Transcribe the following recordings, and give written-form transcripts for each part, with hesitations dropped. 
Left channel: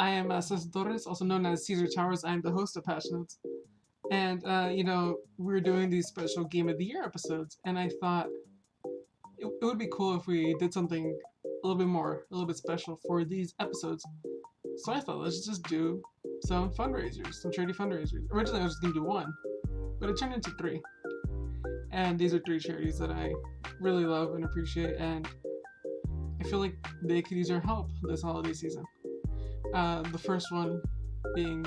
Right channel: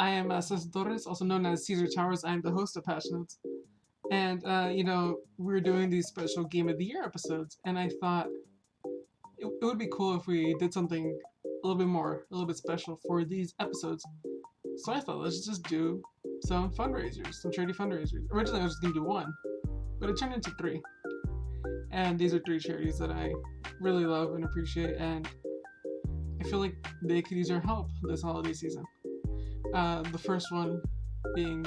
I am Cesar Torres, also known as Cesar Towers. I am the host of Passionates. And, we're doing these special Game of the Year episodes, and I thought it would be cool if we did something a little bit special for these episodes. So I thought, let's just do some fundraisers, some charity fundraisers. Originally, I was just going to do one, but it turned into three. And these are three charities that I really love and appreciate, and I feel like they could use our help this holiday season. The first one being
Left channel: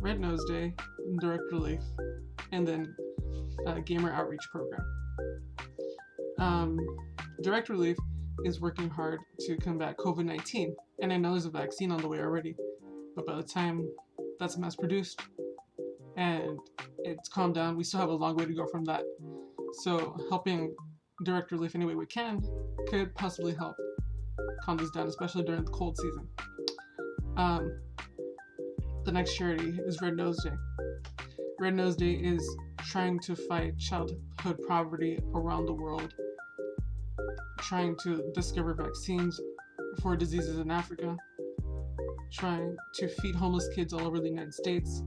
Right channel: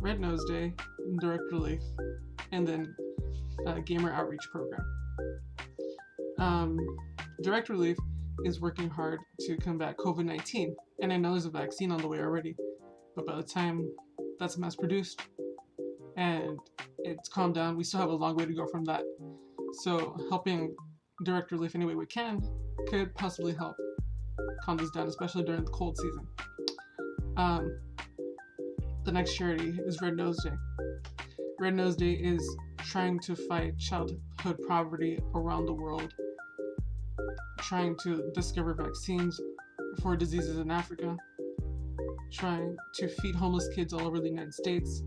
Red Nose Day, Direct Relief, and then Gamer Outreach Program. Direct Relief is working hard to combat COVID-19, and I know there's a vaccine on the way already, but by the time that's mass produced and it's calmed down, we still have a long way to go from that. So helping Direct Relief any way we can could possibly help calm this down, especially during the cold season. The next charity is Red Nose Day. Red Nose Day is trying to fight childhood poverty around the world, trying to discover vaccines for diseases in Africa, trying to feed homeless kids all over the United States,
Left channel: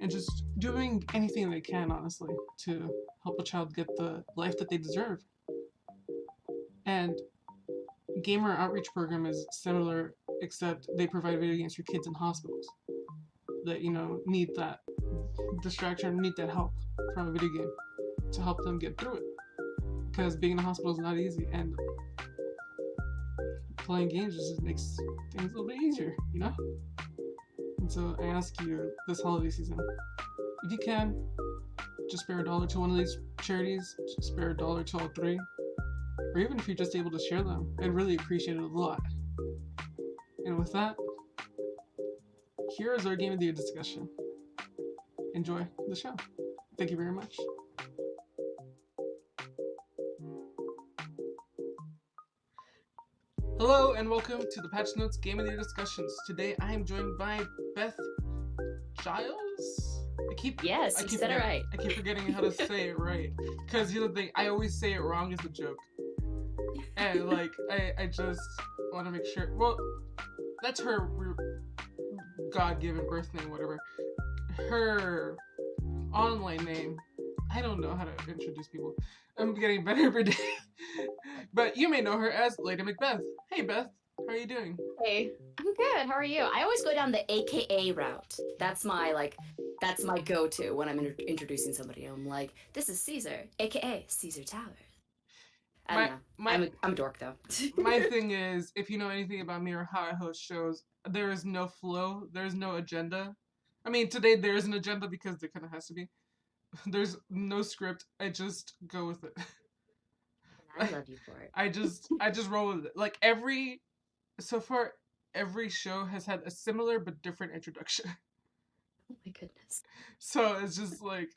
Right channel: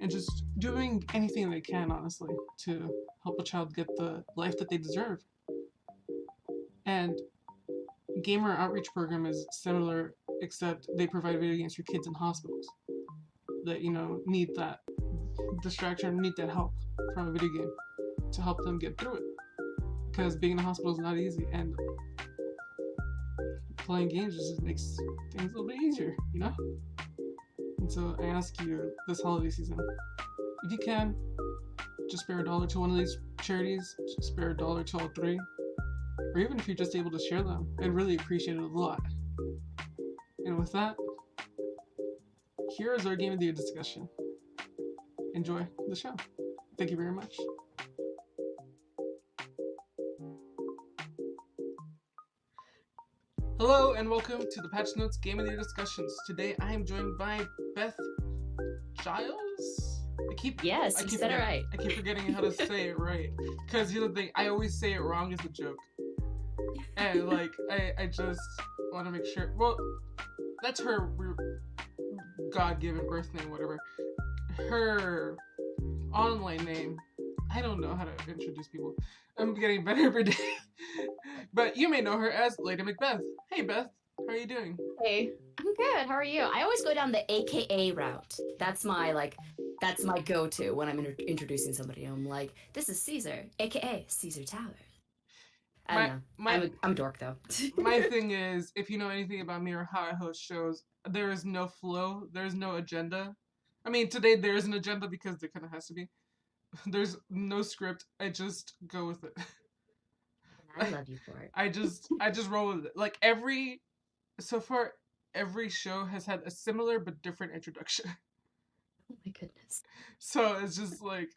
and just doing anything they can, honestly, to help a child get the life that they deserve. And Gamer Outreach Program is similar, except they provide video games for kids in hospitals that, need that distraction, need that help from a video game to help them get through it. Because being in a hospital is not easy, and playing games just makes things a little bit easier, And so I ask you this holiday season, if you can, just spare $1 to one of these charities, just spare $1 to all three, or even if you're just able to share them, I'd really appreciate it a lot. And with that, here is our Game of the Year discussion. Enjoy the show. Thank you very much. Hello and welcome to the Patch Notes Game of the Year discussions. Today I am joined by Beth Giles. Yes, you said it right. I keep forgetting how to say it right. Because here's the thing, I always say it wrong as a joke. And I just want to make sure. Well, that's her God-given birth name, whatever. Her online name, I don't know how to introduce people. I'm getting better every day. But you may know her as Lady MacBehth. Hey Beth, how are you doing? Hey, I'm good. How are you? I always go down the AKA route. That's my go-to when I'm introducing somebody. I'm like, this is Cesar, AKA Cesar Towers. I don't know. I'm a dork though. My thing is, if you know anything about me or how I host shows, there is no flow. There's no agenda. I mean, today there is an agenda because there kind of has to be. There's no script. I just go with it. I love you for it. I just roll with it. Like every show has had a similar but different introduction. Oh my goodness. So it's just like,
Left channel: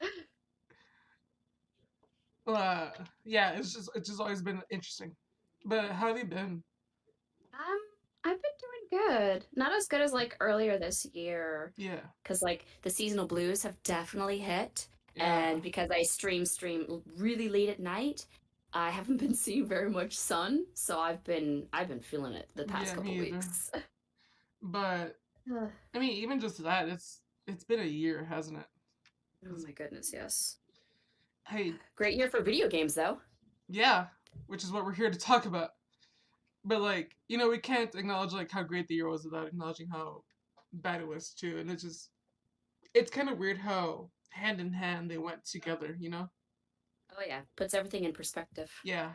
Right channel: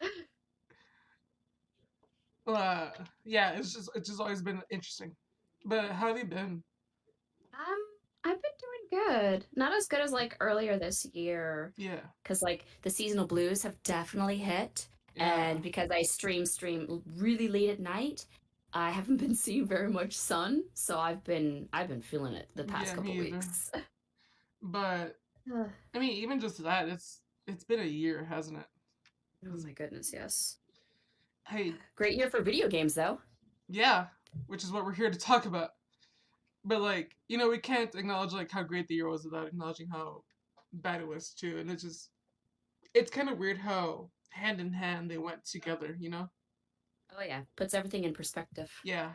it's just always been interesting. But how have you been? I've been doing good. Not as good as earlier this year. Yeah. Because the seasonal blues have definitely hit. Yeah. And because I stream really late at night, I haven't been seeing very much sun, so I've been feeling it the past couple weeks. But I mean, even just that, it's been a year, hasn't it? Oh my goodness, yes. Hey, great year for video games, though. Yeah, which is what we're here to talk about. But we can't acknowledge how great the year was without acknowledging how bad it was too. And it's kind of weird how hand in hand they went together, Oh yeah, puts everything in perspective. Yeah,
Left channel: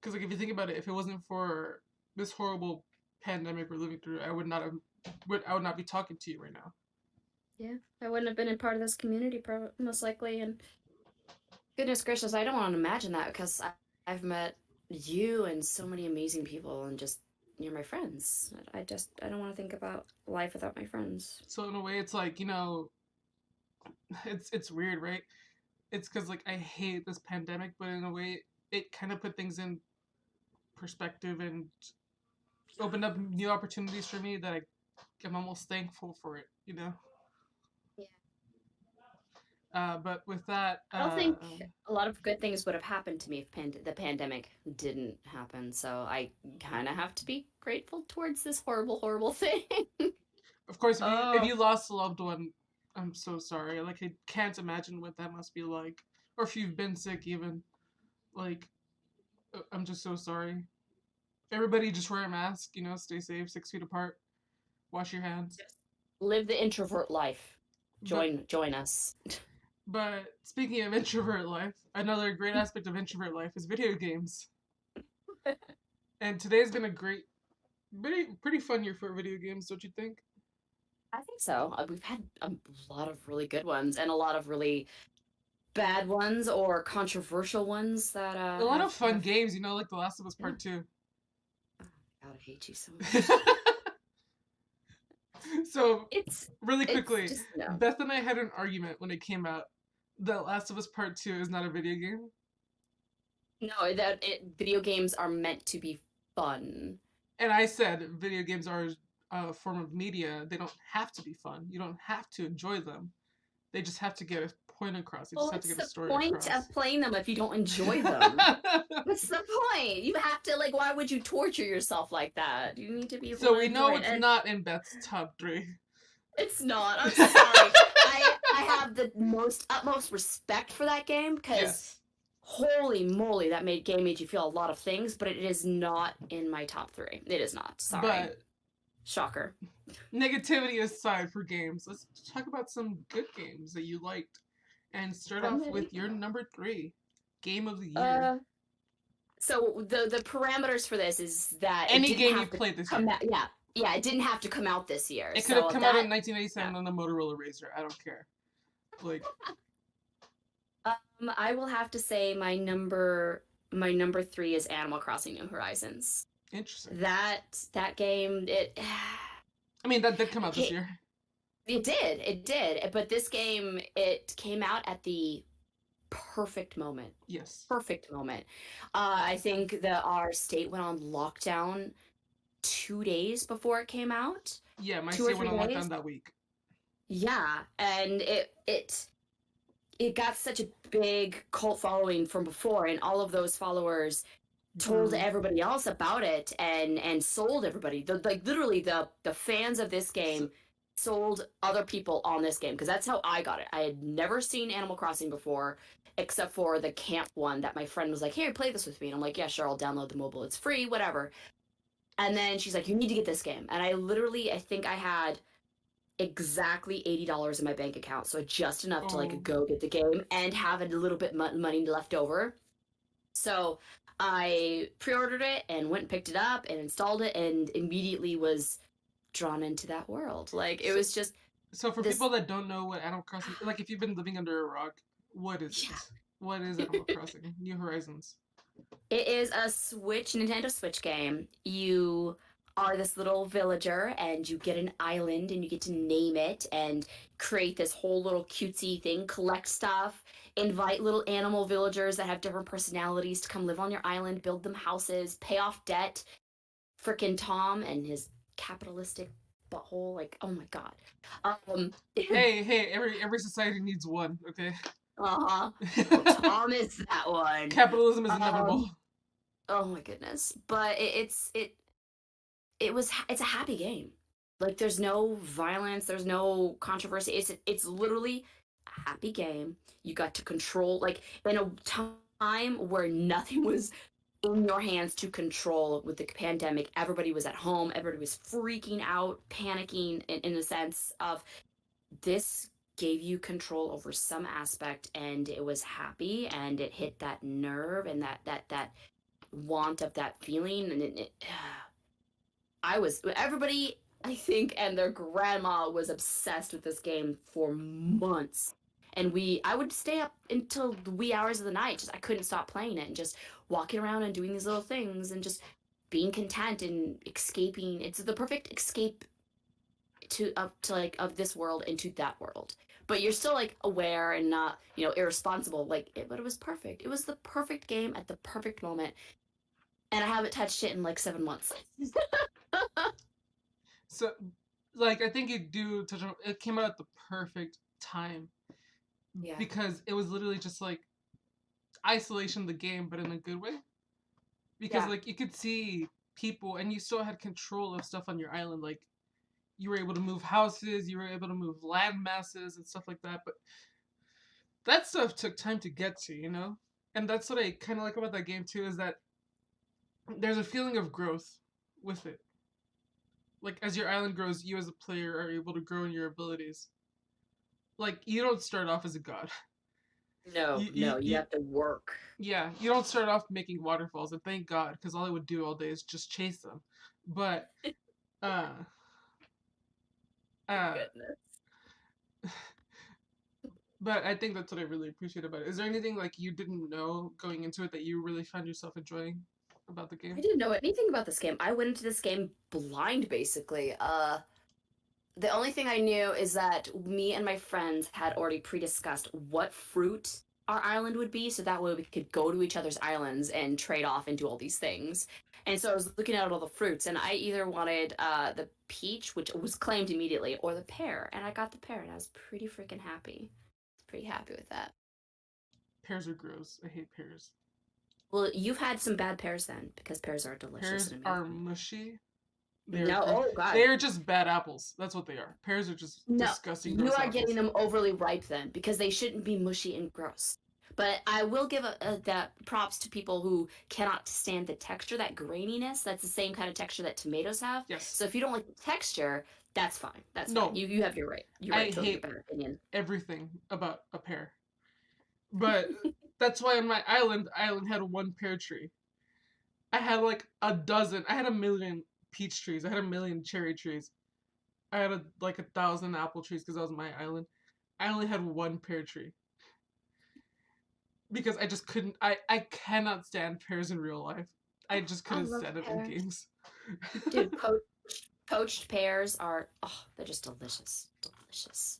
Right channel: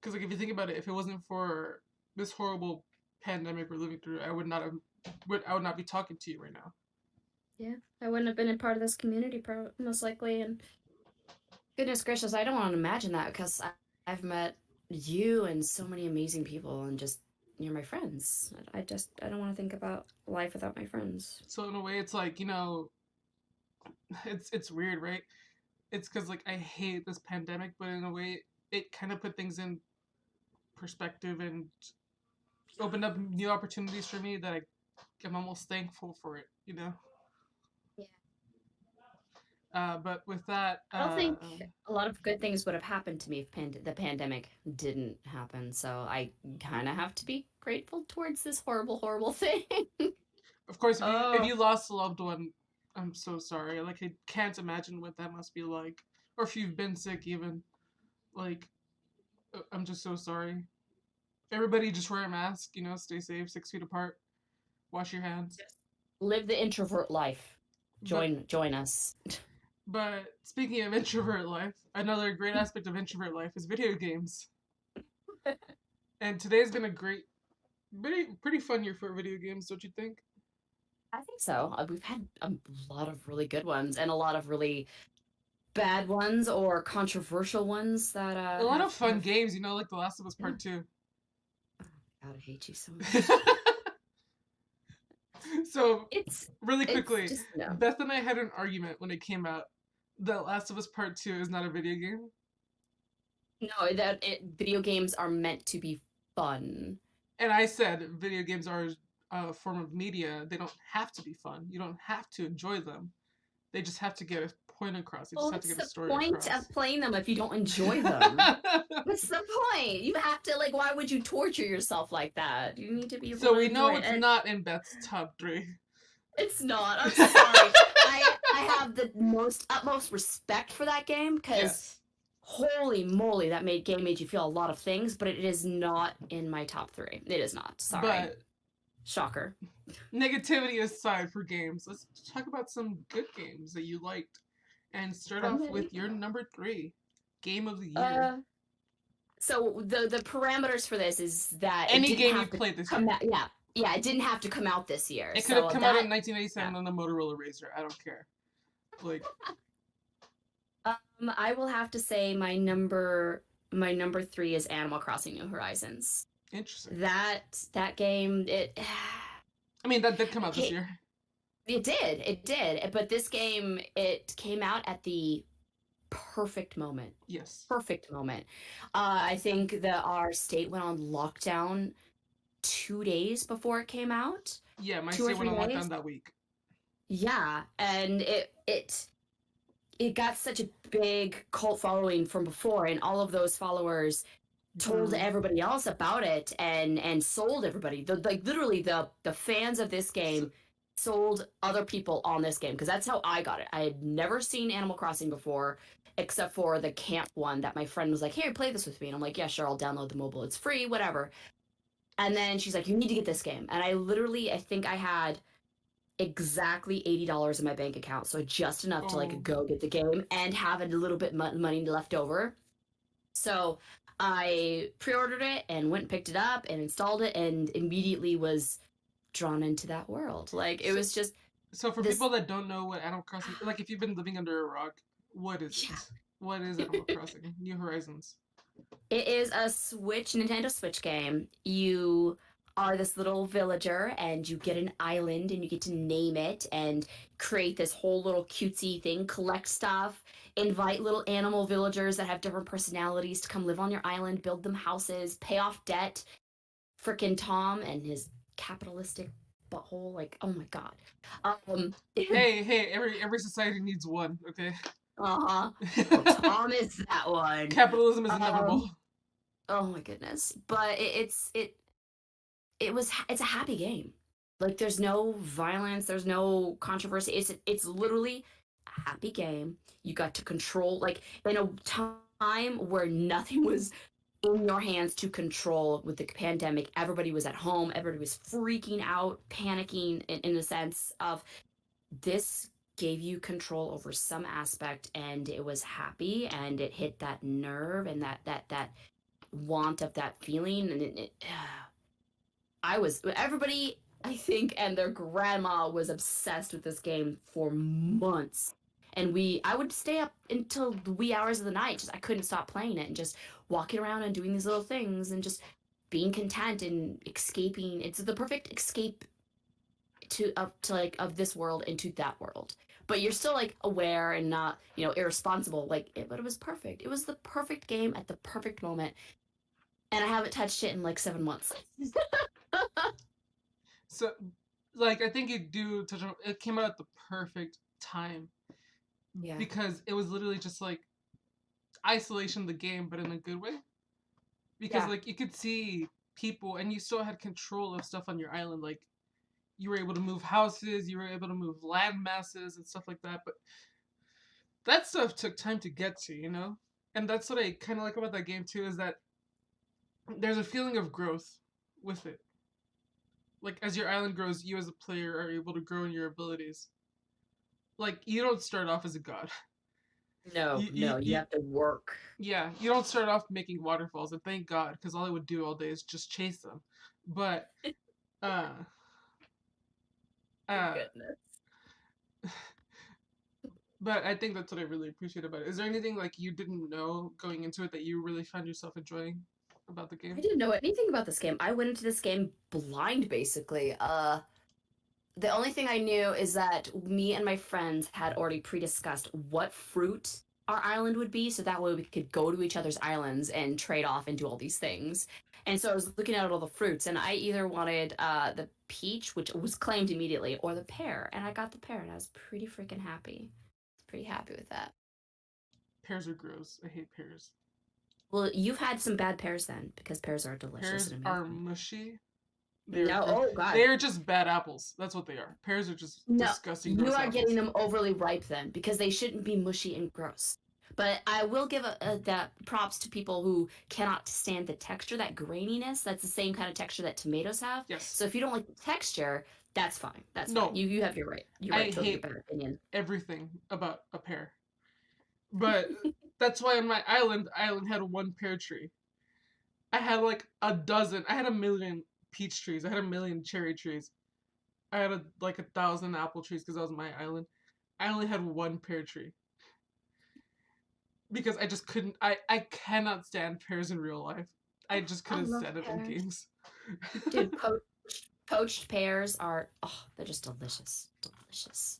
because if you think about it, if it wasn't for this horrible pandemic we're living through, I would not be talking to you right now. Yeah, I wouldn't have been a part of this community, most likely. And goodness gracious, I don't want to imagine that because I've met you and so many amazing people, and just you're my friends. I don't want to think about life without my friends. So in a way, it's it's weird, right? It's because I hate this pandemic, but in a way, it kind of put things in perspective and opened up new opportunities for me that I'm almost thankful for it, Yeah. But with that, I don't think a lot of good things would have happened to me if the pandemic didn't happen. So I kind of have to be grateful towards this horrible, horrible thing. of course, if Oh, you lost a loved one, I'm so sorry. Like, I can't imagine what that must be like. Or if you've been sick, even. Like, I'm just so sorry. Everybody just wear a mask, stay safe, 6 feet apart, wash your hands. just live the introvert life. But Join us. but speaking of introvert life, another great aspect of introvert life is video games. And today's been a pretty fun year for video games, don't you think? I think so. We've had a lot of really good ones and a lot of really bad ones or controversial ones that A lot of fun have games, like The Last of Us yeah. Part 2. God, I hate you so much. So, It's really it's quickly, just no. Beth and I had an argument when it came out that Last of Us Part 2 is not a video game. No, video games are meant to be fun. And I said video games are a form of media. They don't have to be fun. You don't have to enjoy them. They just have to get a point across. They just Well, have to what's get a the story point across. of playing them if you don't enjoy them? What's the point? You have to like. Why would you torture yourself like that? You need to be able So to we know enjoy it. it's And not in Beth's top 3. it's not. I'm sorry. I have the utmost respect for that game because Yes. holy moly, that game made you feel a lot of things, but it is not in my top 3. It is not. Sorry. But shocker. Negativity aside for games, let's talk about some good games that you liked. And start off with your number 3 game of the year. So the parameters for this is that Any game you played this year. Yeah, it didn't have to come out this year. It could have come out in 1987 on the Motorola Razr. I don't care. Like, I will have to say my number 3 is Animal Crossing: New Horizons. interesting. That game, I mean, that did come out this year. It did. But this game, it came out at the perfect moment. Yes. Perfect moment. I think that our state went on lockdown 2 days before it came out. Yeah, my state went on lockdown that week. Yeah, and it got such a big cult following from before, and all of those followers told everybody else about it and sold everybody. Literally the fans of this game sold other people on this game because that's how I got it. I had never seen Animal Crossing before except for the camp one that my friend was like, "Here, play this with me." And I'm like, "Yeah, sure, I'll download the mobile. It's free, whatever." And then she's like, "You need to get this game." And I think I had exactly $80 in my bank account, so just enough to like go get the game and have a little bit money left over. So I pre-ordered it and went and picked it up and installed it and immediately was drawn into that world. Like it was just. So for people that don't know what Animal Crossing, like if you've been living under a rock, what is it? What is Animal Crossing? New Horizons. It is a Nintendo Switch game. You are this little villager and you get an island and you get to name it and create this whole little cutesy thing, collect stuff, invite little animal villagers that have different personalities to come live on your island, build them houses, pay off debt. Frickin' Tom and his capitalistic butthole, like, oh my god. Hey, every society needs one, okay? Well, Tom is that one. Capitalism is inevitable. Oh my goodness. But it's a happy game. Like there's no violence, there's no controversy. It's literally a happy game. You got to control, like in a time where nothing was in your hands to control with the pandemic. Everybody was at home, everybody was freaking out, panicking in the sense of this gave you control over some aspect, and it was happy, and it hit that nerve and that want of that feeling, and everybody, I think, and their grandma was obsessed with this game for months. And I would stay up until the wee hours of the night. I couldn't stop playing it and just walking around and doing these little things and just being content and escaping. It's the perfect escape of this world into that world. But you're still like aware and not, irresponsible. But it was perfect. It was the perfect game at the perfect moment. And I haven't touched it in like 7 months. So, I think you do touch on it. Came out at the perfect time. Yeah. because it was literally just like isolation of the game, but in a good way. Because Yeah. like you could see people, and you still had control of stuff on your island. Like you were able to move houses, you were able to move land masses and stuff like that. But that stuff took time to get to, you know. And that's what I kind of like about that game too, is that there's a feeling of growth with it. Like as your island grows, you as a player are able to grow in your abilities. Like you don't start off as a god. No, no, you have to work. Yeah, you don't start off making waterfalls, and thank God, because all I would do all day is just chase them. But, uh, uh, Goodness. but I think that's what I really appreciate about it. Is there anything like you didn't know going into it that you really found yourself enjoying about the I game? didn't know anything about this game. I went into this game blind, basically. The only thing I knew is that me and my friends had already pre-discussed what fruit our island would be, so that way we could go to each other's islands and trade off and do all these things. And so I was looking at all the fruits, and I either wanted the peach, which was claimed immediately, or the pear, and I got the pear, and I was pretty freaking happy. I was pretty happy with that. Pears are gross. I hate pears. Well, you've had some bad pears then, because pears are delicious Pears and are amazing. mushy. They're No, gross. oh god. They are just bad apples. That's what they are. Pears are just No, disgusting, you gross are apples. getting them overly ripe then, because they shouldn't be mushy and gross. But I will give that props to people who cannot stand the texture, that graininess. That's the same kind of texture that tomatoes have. Yes. So if you don't like the texture, that's fine. That's No. fine. You have your right. Your I right to have your hate better opinion. everything about a pear. But that's why on my island, had one pear tree. I had like a dozen. I had a million peach trees. I had a million cherry trees. I had like 1,000 apple trees because that was my island. I only had one pear tree because I just couldn't. I cannot stand pears in real life. I just I couldn't love stand it in pears. games. Dude, poached pears are, oh, they're just delicious. Delicious.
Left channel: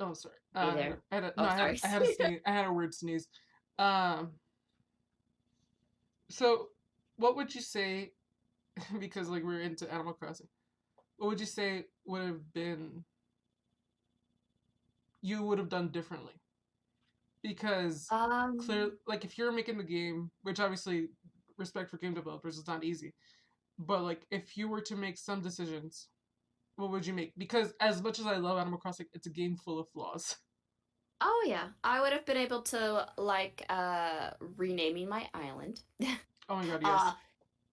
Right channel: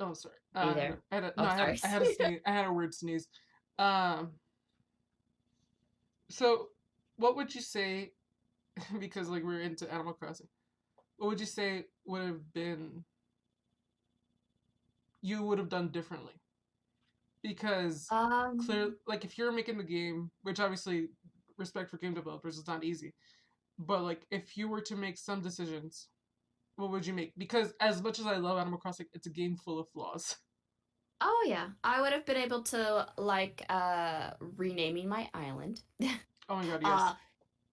Oh, sorry. Are you there? I had a, no, Oh, sorry. I had a sneeze. I had a weird sneeze. Um. So, what would you say? Because like we're into Animal Crossing. What would you say would have been you would have done differently? Because Um, clear, like if you're making the game, which obviously respect for game developers is not easy, but like if you were to make some decisions, what would you make? Because as much as I love Animal Crossing, it's a game full of flaws. oh yeah, I would have been able to like renaming my island. Oh my god, uh yes.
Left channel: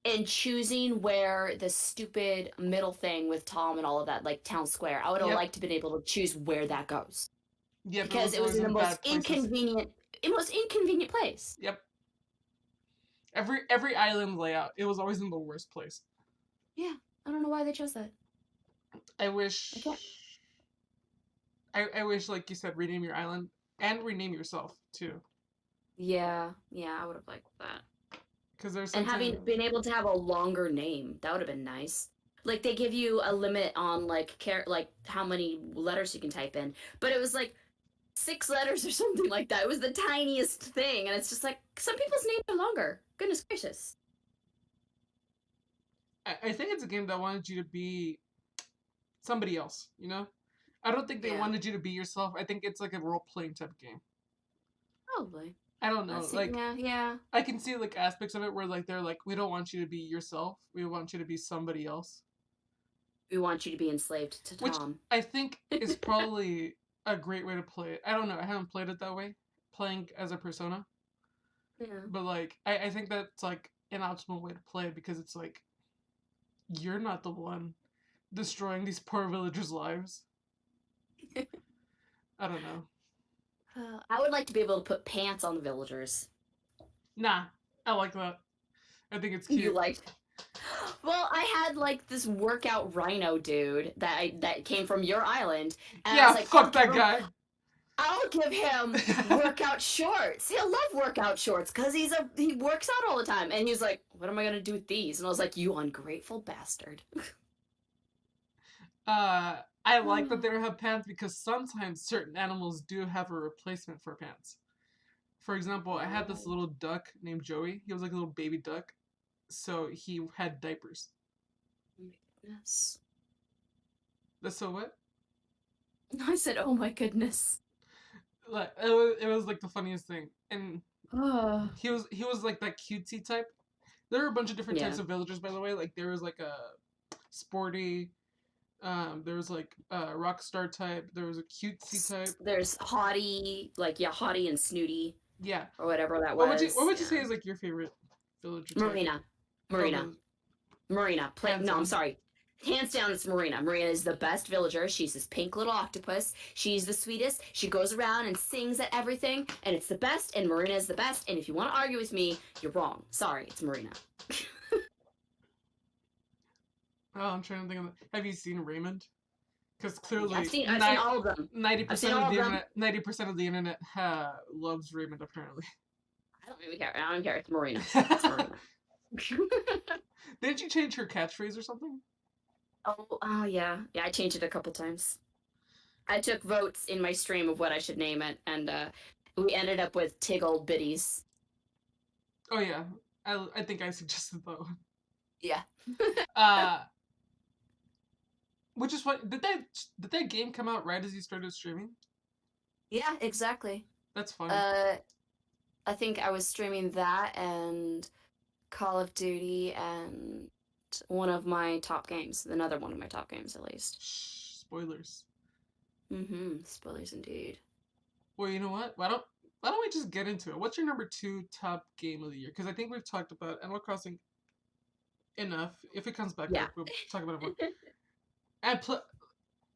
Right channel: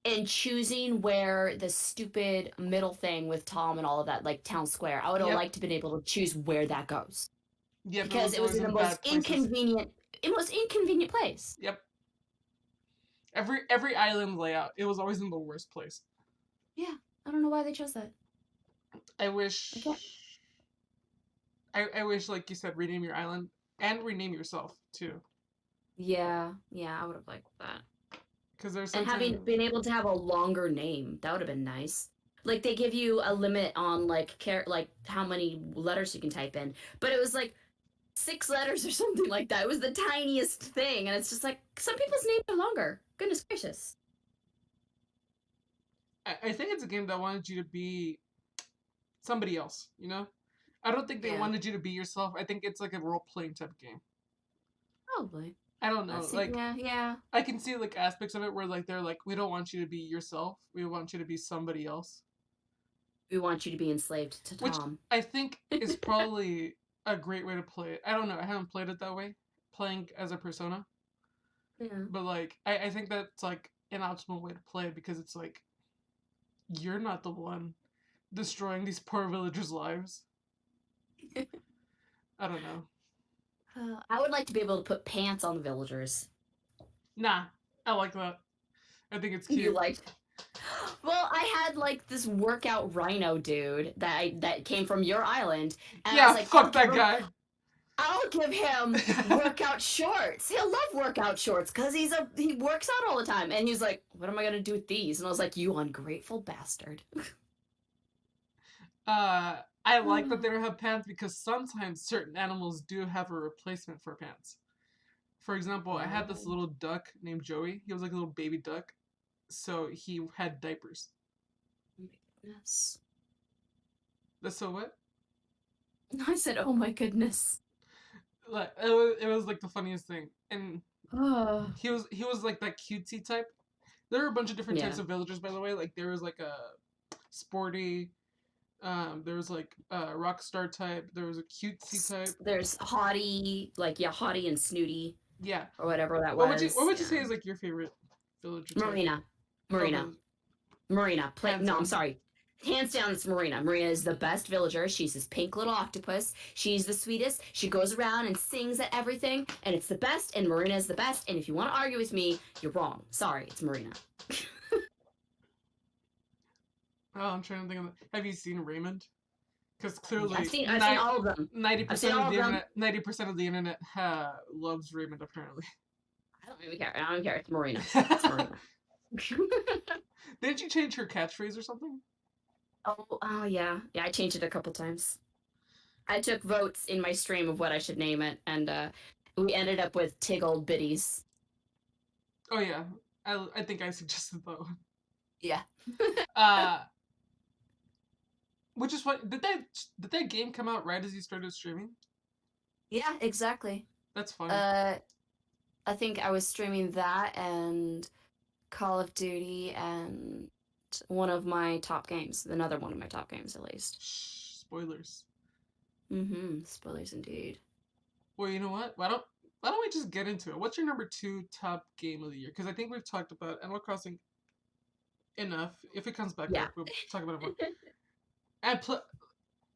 and choosing where the stupid middle thing with Tom and all of that, like town square, I would have Yep. liked to been able to choose where that goes Yep, it because was it was always in the in most bad places. inconvenient place. Yep. Every island layout, it was always in the worst place. Yeah, I don't know why they chose that. I wish I can't. I wish like you said, rename your island and rename yourself too. Yeah, yeah, I would have liked that. Because there's And sometimes having been able to have a longer name, that would have been nice. Like they give you a limit on like how many letters you can type in, but it was like 6 letters or something like that. It was the tiniest thing, and it's just like some people's names are longer. Goodness gracious. I think it's a game that wanted you to be somebody else, you know? I don't think they Yeah, wanted you to be yourself. I think it's like a role playing type game. probably. I don't know. Like Yeah, yeah. I can see like aspects of it where like they're like, we don't want you to be yourself. We want you to be somebody else. We want you to be enslaved to Which Tom. I think is probably a great way to play it. I don't know. I haven't played it that way, playing as a persona. Yeah. But like I think that's like an optimal way to play it because it's like you're not the one destroying these poor villagers' lives. I don't know. I would like to be able to put pants on the villagers. Nah, I like that. I think it's You cute. liked? Well, I had like this workout rhino dude that came from your island, and I Yeah, was like, I'll fuck give that him guy. I'll give him workout shorts. He'll love workout shorts because he works out all the time. And he was like, "What am I gonna do with these?" And I was like, "You ungrateful bastard." I like that they don't have pants because sometimes certain animals do have a replacement for pants. For example, I had this Oh, little duck named Joey. He was like a little baby duck, so he had diapers. my goodness. That's so what? I said, "Oh my goodness." Like it was like the funniest thing. And Oh. he was like that cutesy type. There are a bunch of different Yeah. types of villagers, by the way. Like there was like a sporty, there was like a rock star type. There was a cutesy type. There's haughty, like, yeah, haughty and snooty, Yeah. or whatever that What was. would you say Yeah. is like your favorite villager type? Marina. Oh, Marina. Marina. hands No, I'm down. sorry. Hands down, it's Marina. Marina is the best villager. She's this pink little octopus. She's the sweetest. She goes around and sings at everything, and it's the best, and Marina is the best. And if you want to argue with me, you're wrong. Sorry, it's Marina. Oh, I'm trying to think of. Have you seen Raymond? Because I've clearly, seen I've seen all of them. I've seen 90% of all the of them. internet, 90% of the internet loves Raymond. Apparently. I don't even care. I don't care. It's Marina. It's Marina. Didn't you change her catchphrase or something? Oh yeah. Yeah, I changed it a couple times. I took votes in my stream of what I should name it, and we ended up with Tiggle Bitties. Oh yeah, I think I suggested that one. Yeah. Uh, which is what did that game come out right as you started streaming? Yeah, exactly. That's funny. I think I was streaming that and Call of Duty and one of my top games. Another one of my top games, at least. Shh, spoilers. Mm-hmm. Spoilers indeed. Well, you know what? Why don't we just get into it? What's your number 2 top game of the year? Because I think we've talked about Animal Crossing enough. If it comes back Yeah. up, we'll talk about it more. And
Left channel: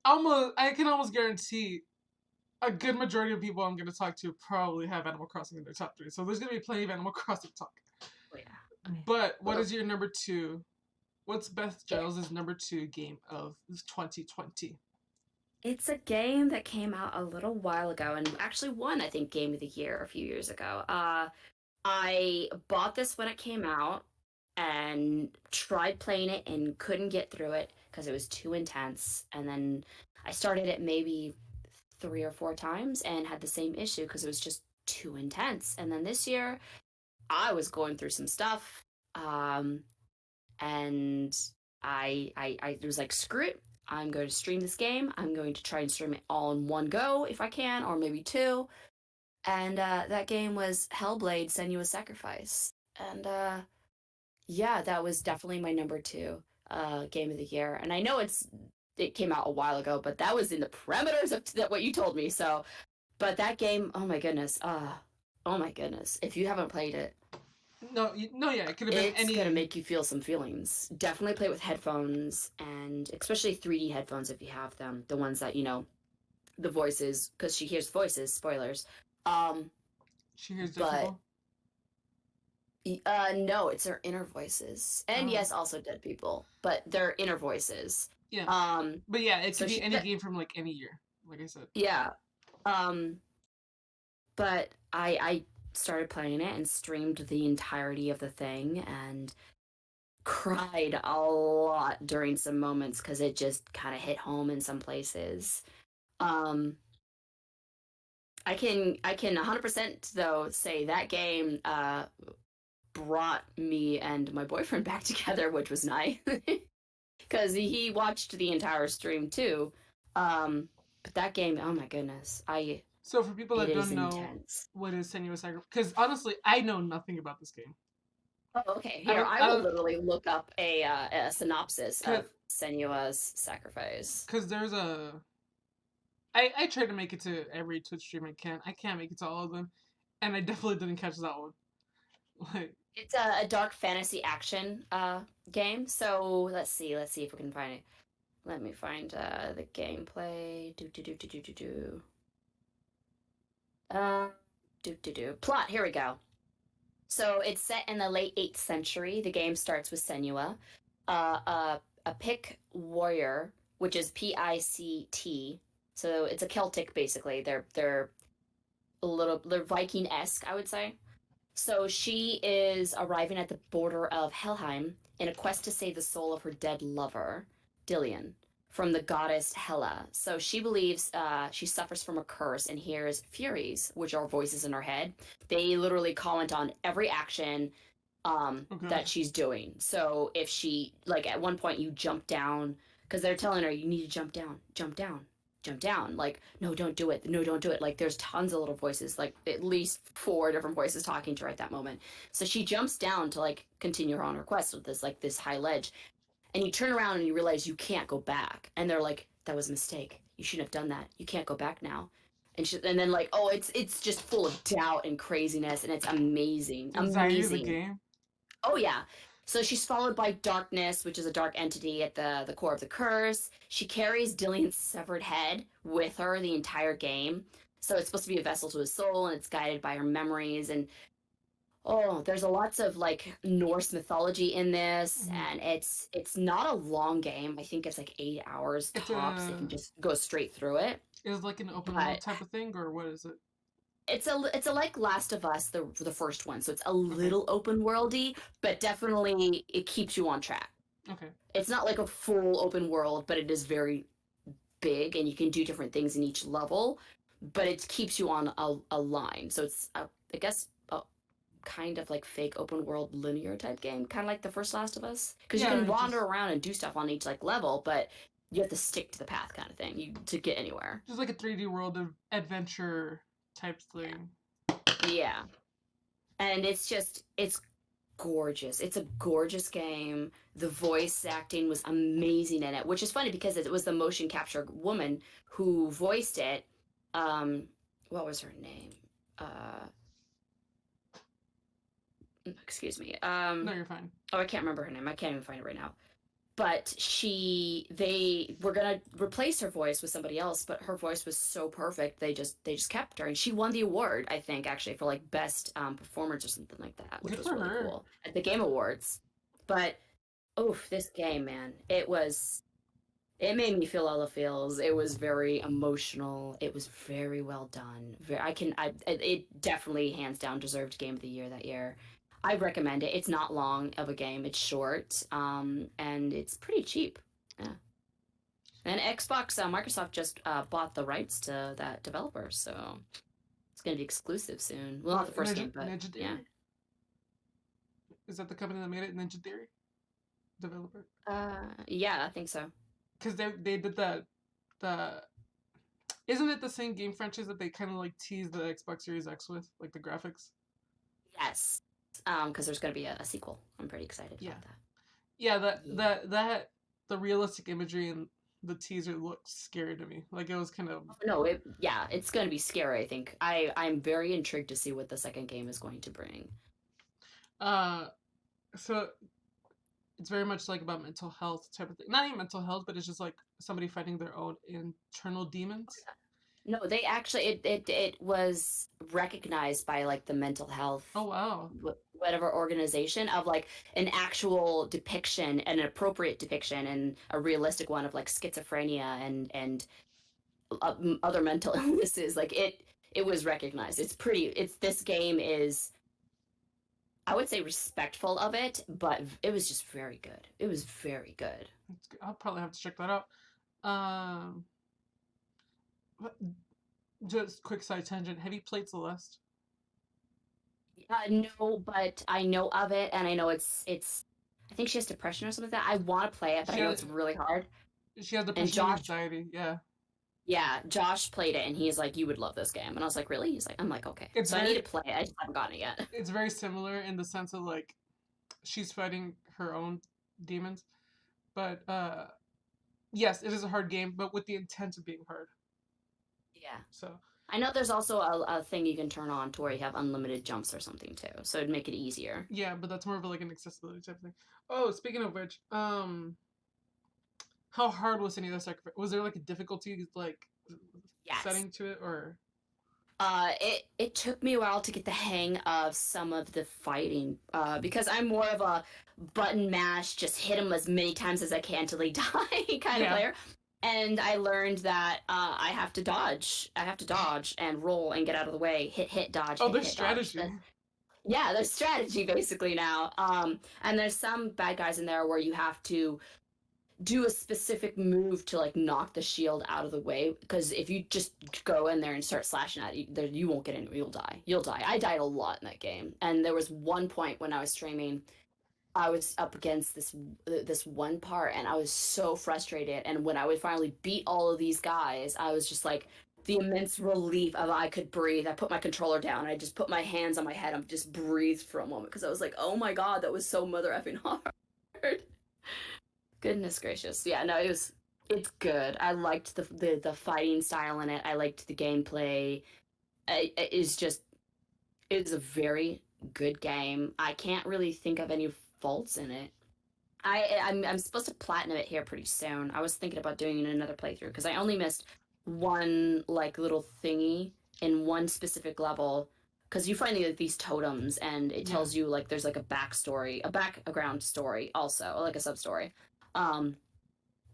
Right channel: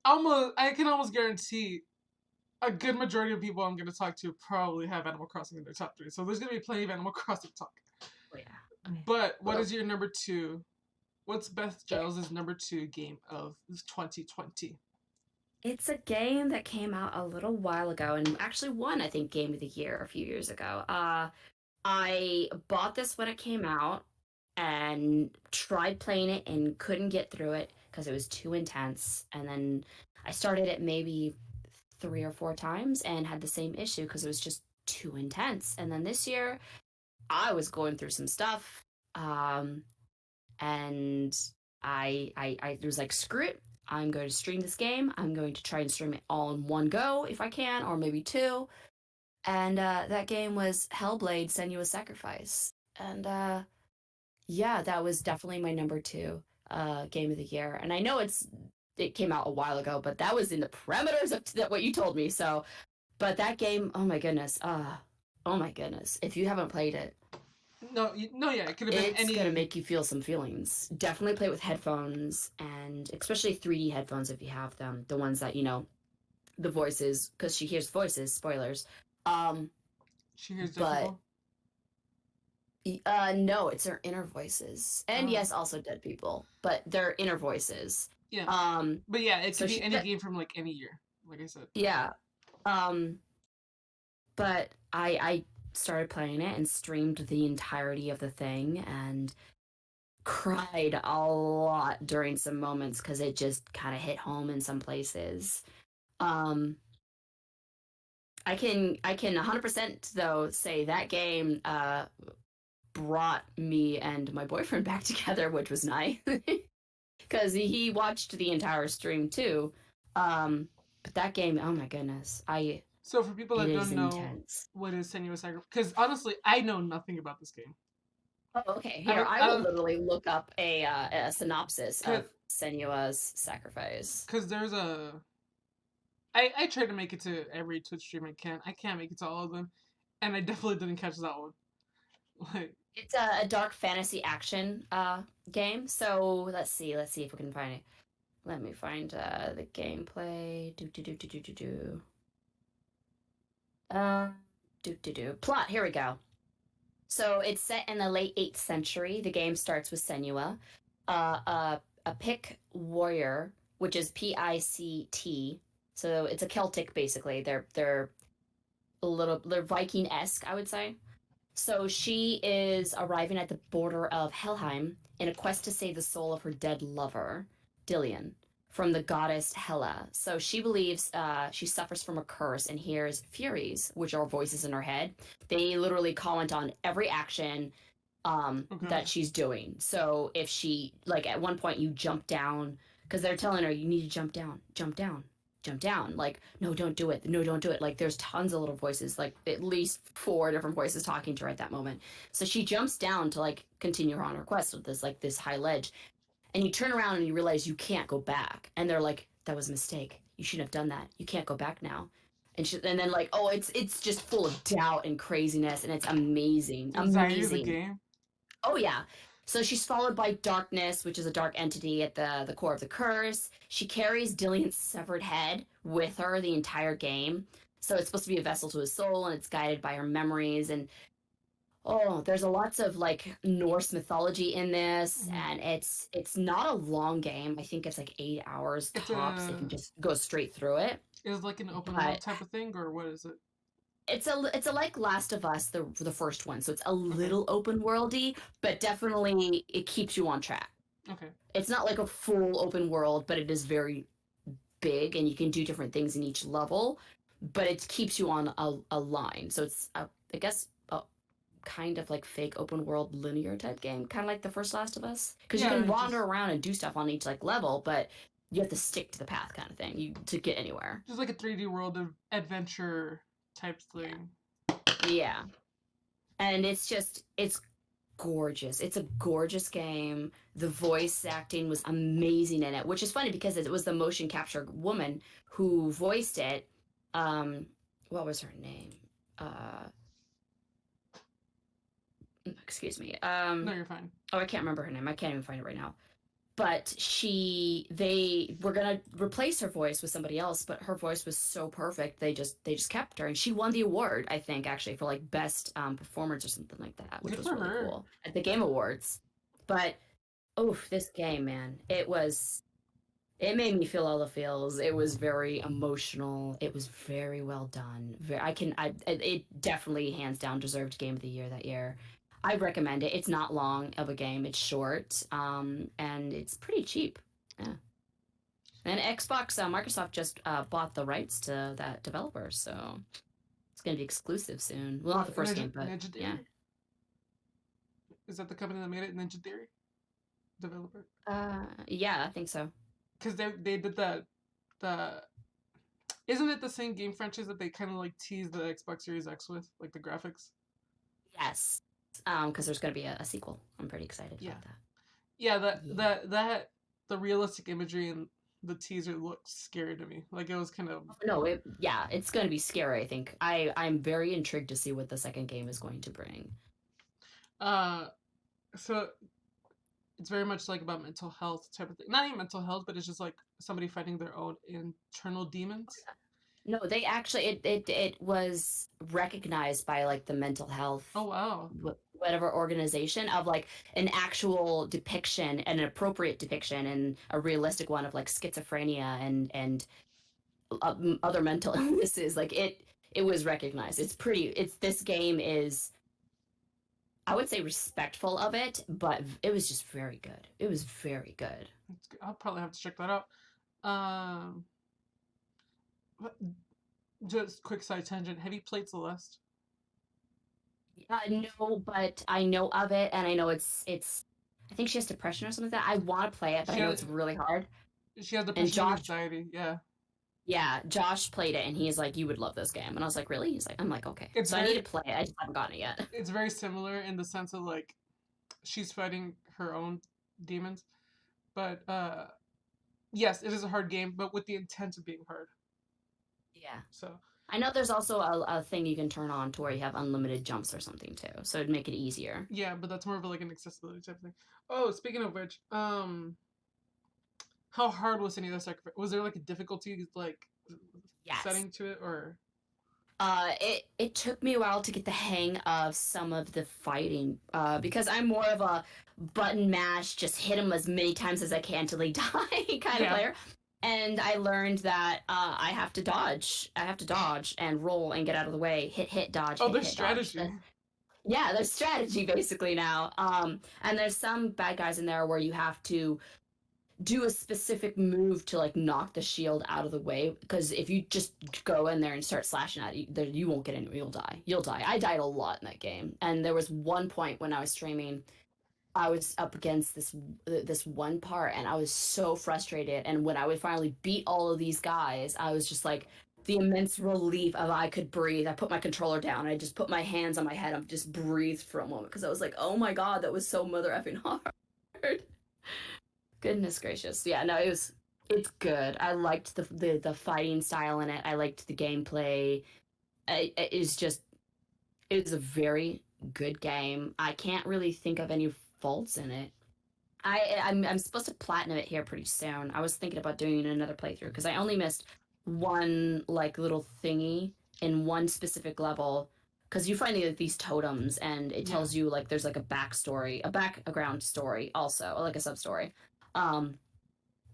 almost, I can almost guarantee a good majority of people I'm going to talk to probably have Animal Crossing in their top 3. So there's going to be plenty of Animal Crossing talk. Oh, yeah. But what is your number 2? What's Beth Giles' number 2 game of 2020? It's a game that came out a little while ago and actually won, I think, Game of the Year a few years ago. I bought this when it came out and tried playing it and couldn't get through it because it was too intense. And then I started it maybe 3 or 4 times and had the same issue because it was just too intense. And then this year, I was going through some stuff, and I was like, screw it. I'm going to stream this game. I'm going to try and stream it all in one go if I can, or maybe two. And that game was Hellblade: Senua's Sacrifice. And yeah, that was definitely my number 2 game of the year. And I know it came out a while ago, but that was in the parameters of what you told me. So, but that game, oh my goodness, oh my goodness, if you haven't played it, No, yeah, it could have been it's any. gonna make you feel some feelings. Definitely play it with headphones, and especially 3D headphones if you have them. The ones that the voices, because she hears voices. Spoilers. She hears dead But people. no, it's her inner voices, and yes, also dead people, but their inner voices. Yeah. Um, But yeah, it so could be any game from like any year. Like I said. yeah. Um, but I started playing it and streamed the entirety of the thing and cried a lot during some moments because it just kind of hit home in some places. Um, I can 100% though say that game brought me and my boyfriend back together, which was nice because he watched the entire stream too. But that game, oh my goodness, So for people that it is don't know intense. what is Senua's Sacrifice, because honestly, I know nothing about this game. Oh, okay. Here, I will literally look up a synopsis of Senua's Sacrifice. Because there's a. I try to make it to every Twitch stream I can. I can't make it to all of them, and I definitely didn't catch that one. Like It's a dark fantasy action game. So let's see if we can find it. Let me find the gameplay. Plot. Here we go. So it's set in the late 8th century. The game starts with Senua, a Pict warrior, which is Pict. So it's a Celtic, basically. They're Viking-esque, I would say. So she is arriving at the border of Helheim in a quest to save the soul of her dead lover, Dillion, from the goddess Hela. So she believes she suffers from a curse and hears furies, which are voices in her head. They literally comment on every action that she's doing. So if she, like, at one point you jump down, because they're telling her, you need to jump down, jump down. Like, no, don't do it. No, don't do it. Like, there's tons of little voices, like at least 4 different voices talking to her at that moment. So she jumps down to like continue her on her quest with this high ledge. And you turn around and you realize you can't go back. And they're like, that was a mistake. You shouldn't have done that. You can't go back now. And then like, oh, it's just full of doubt and craziness, and it's amazing. Is that you, the Amazing. game? Oh yeah. So she's followed by Darkness, which is a dark entity at the core of the curse. She carries Dillian's severed head with her the entire game. So it's supposed to be a vessel to his soul, and it's guided by her memories. And oh, there's a lots of like Norse mythology in this, and it's not a long game. I think it's like 8 hours tops. If you just go straight through it. Is it like an open world type of thing, or what is it? It's a like Last of Us, the first one, so it's a little open worldy, but definitely it keeps you on track. Okay. It's not like a full open world, but it is very big, and you can do different things in each level, but it keeps you on a line. So it's I guess a kind of like fake open world linear type game, kind of like the first Last of Us, because you can wander around and do stuff on each like level, but you have to stick to the path kind of thing to get anywhere. Just like a 3D world of adventure type thing. Yeah. And it's gorgeous. It's a gorgeous game. The voice acting was amazing in it, which is funny because it was the motion capture woman who voiced it. What was her name? Excuse me. No, you're fine. Oh, I can't remember her name. I can't even find it right now. But they were gonna replace her voice with somebody else, but her voice was so perfect they just kept her, and she won the award, I think, actually, for like best performance or something like that, which was really cool at the Game Awards. But this game, man, it made me feel all the feels. It was very emotional. It was very well done. It definitely hands down deserved Game of the Year that year. I recommend it. It's not long of a game. It's short, and it's pretty cheap. Yeah. And Xbox, Microsoft just bought the rights to that developer, so it's going to be exclusive soon. Well, not the first game, but Ninja Theory? Yeah. Is that the company that made it, Ninja Theory? Developer? Yeah, I think so. Because they did that. Isn't it the same game franchise that they kind of like tease the Xbox Series X with, like the graphics? Yes. Because there's going to be a sequel. I'm pretty excited about that. Yeah, that the realistic imagery and the teaser looked scary to me. Like it was kind of it's going to be scary. I think I'm very intrigued to see what the second game is going to bring. So it's very much like about mental health type of thing. Not even mental health, but it's just like somebody fighting their own internal demons. No, they actually it was recognized by like the mental health. Oh wow. Whatever organization of like an actual depiction, an appropriate depiction, and a realistic one of like schizophrenia and other mental illnesses. Like it was recognized. This game is, I would say, respectful of it, but it was just very good. It was very good. I'll probably have to check that out. Just quick side tangent. Have you played Celeste? No, but I know of it, and I know it's. I think she has depression or something like that. I want to play it, but I know it's really hard. She has depression and anxiety. Yeah. Yeah, Josh played it, and he's like, "You would love this game," and I was like, "Really?" He's like, "I'm like, okay." I need to play it. I just haven't gotten it yet. It's very similar in the sense of like, she's fighting her own demons, but yes, it is a hard game, but with the intent of being hard. Yeah. So. I know there's also a thing you can turn on to where you have unlimited jumps or something too, so it'd make it easier. Yeah, but that's more of like an accessibility type thing. Oh, speaking of which, how hard was any of the sacrifice? Was there like a difficulty setting to it, or? It took me a while to get the hang of some of the fighting, because I'm more of a button mash, just hit them as many times as I can till they die kind of player. And I learned that I have to dodge. I have to dodge and roll and get out of the way. Hit, dodge. Oh, there's strategy. Yeah, there's strategy basically now. And there's some bad guys in there where you have to do a specific move to like knock the shield out of the way. Because if you just go in there and start slashing at it, you won't get anywhere. You'll die. I died a lot in that game. And there was one point when I was streaming I was up against this one part, and I was so frustrated. And when I would finally beat all of these guys, I was just like the immense relief of I could breathe. I put my controller down. I just put my hands on my head. and just breathed for a moment because I was like, oh my god, that was so mother effing hard. Goodness gracious. Yeah, no, it's good. I liked the fighting style in it. I liked the gameplay. It's a very good game. I can't really think of any faults in it. I'm supposed to platinum it here pretty soon. I was thinking about doing another playthrough because I only missed one like little thingy in one specific level because you find these totems and it tells you like there's like a backstory, a background story also, like a sub story. Um,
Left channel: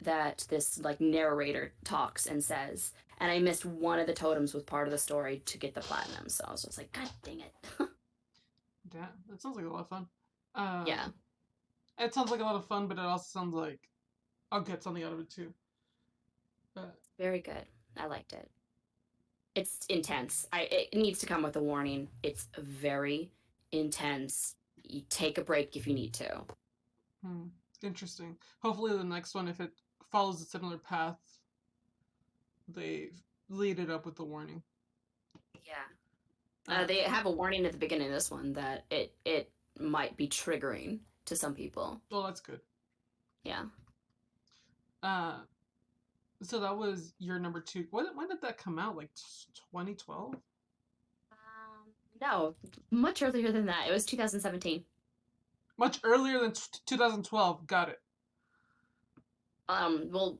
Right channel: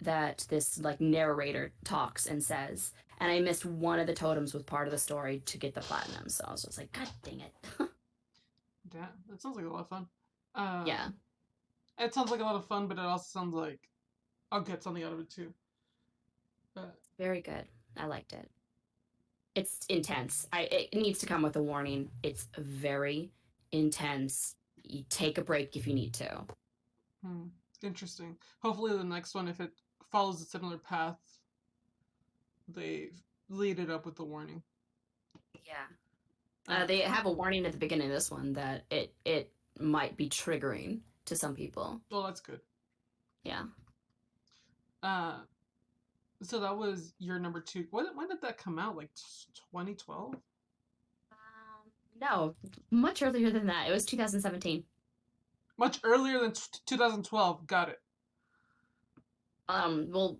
that this like narrator talks and says, and I missed one of the totems with part of the story to get the platinum, so I was just like, god dang it. Damn, that sounds like a lot of fun. Yeah. It sounds like a lot of fun, but it also sounds like I'll get something out of it too. Very good. I liked it. It's intense. It needs to come with a warning. It's very intense. You take a break if you need to. Interesting. Hopefully the next one, if it follows a similar path, they lead it up with the warning. Yeah. They have a warning at the beginning of this one that it might be triggering to some people. Well, that's good. Yeah. So that was your number 2. When did that come out? Like 2012? No, much earlier than that. It was 2017. Much earlier than 2012. Got it. Well,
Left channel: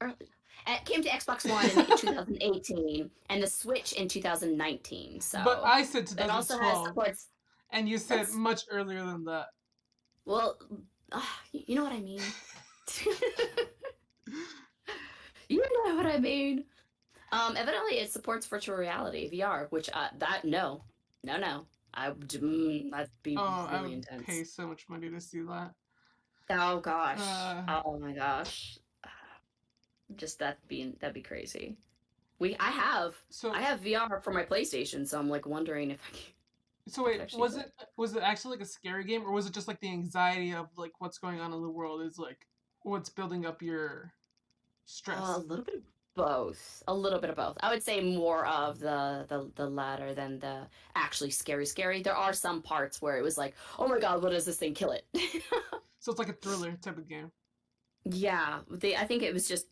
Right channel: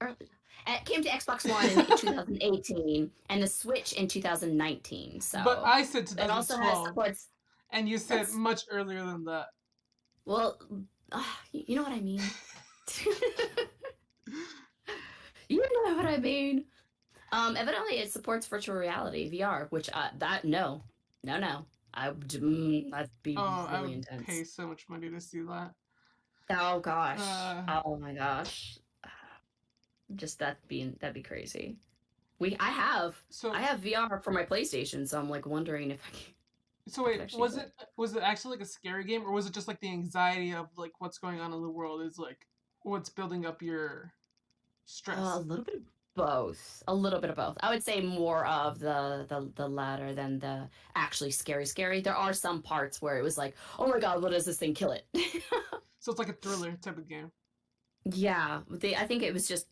it came to Xbox One in 2018 and the Switch in 2019. So, but I said 2012. It also has ports. And you said much earlier than that. Well, you know what I mean. You know what I mean. Evidently it supports virtual reality VR, which no. That'd be really I would intense. pay so much money to see that. Oh gosh. Oh my gosh. Just that'd be crazy. I have VR for my PlayStation, so I'm like wondering if I can. So wait, was it actually like a scary game, or was it just like the anxiety of like what's going on in the world is like what's building up your stress? A little bit of both. A little bit of both. I would say more of the latter than the actually scary. There are some parts where it was like, oh my god, what is this thing? Kill it. So it's like a thriller type of game. Yeah, I think it was just.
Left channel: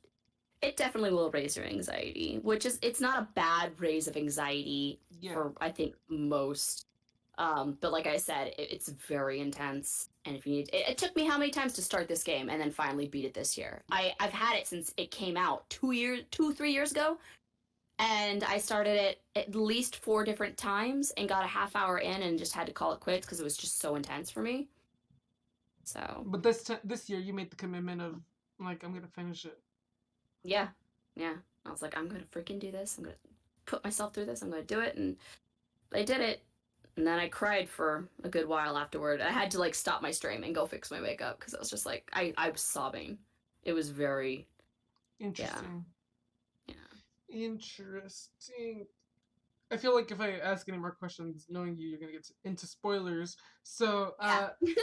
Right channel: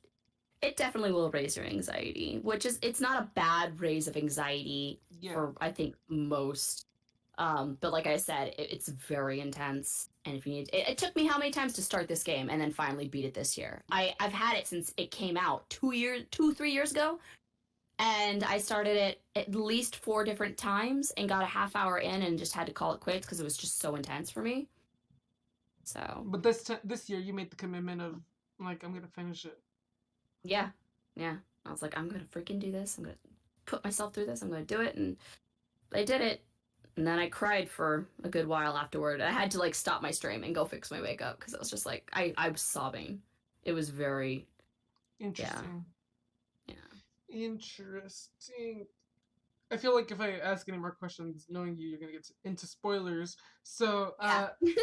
It definitely will raise your anxiety, it's not a bad raise of anxiety for I think most. But like I said, it's very intense, and if you need, it took me how many times to start this game and then finally beat it this year. I've had it since it came out 3 years ago, and I started it at least 4 different times and got a half hour in and just had to call it quits because it was just so intense for me. So. But this year you made the commitment of like I'm gonna finish it. Yeah. I was like, I'm gonna freaking do this. I'm gonna put myself through this. I'm gonna do it, and I did it. And then I cried for a good while afterward. I had to like stop my stream and go fix my makeup because I was just like, I was sobbing. It was very interesting. Yeah. Interesting. I feel like if I ask any more questions, knowing you're gonna get into spoilers. So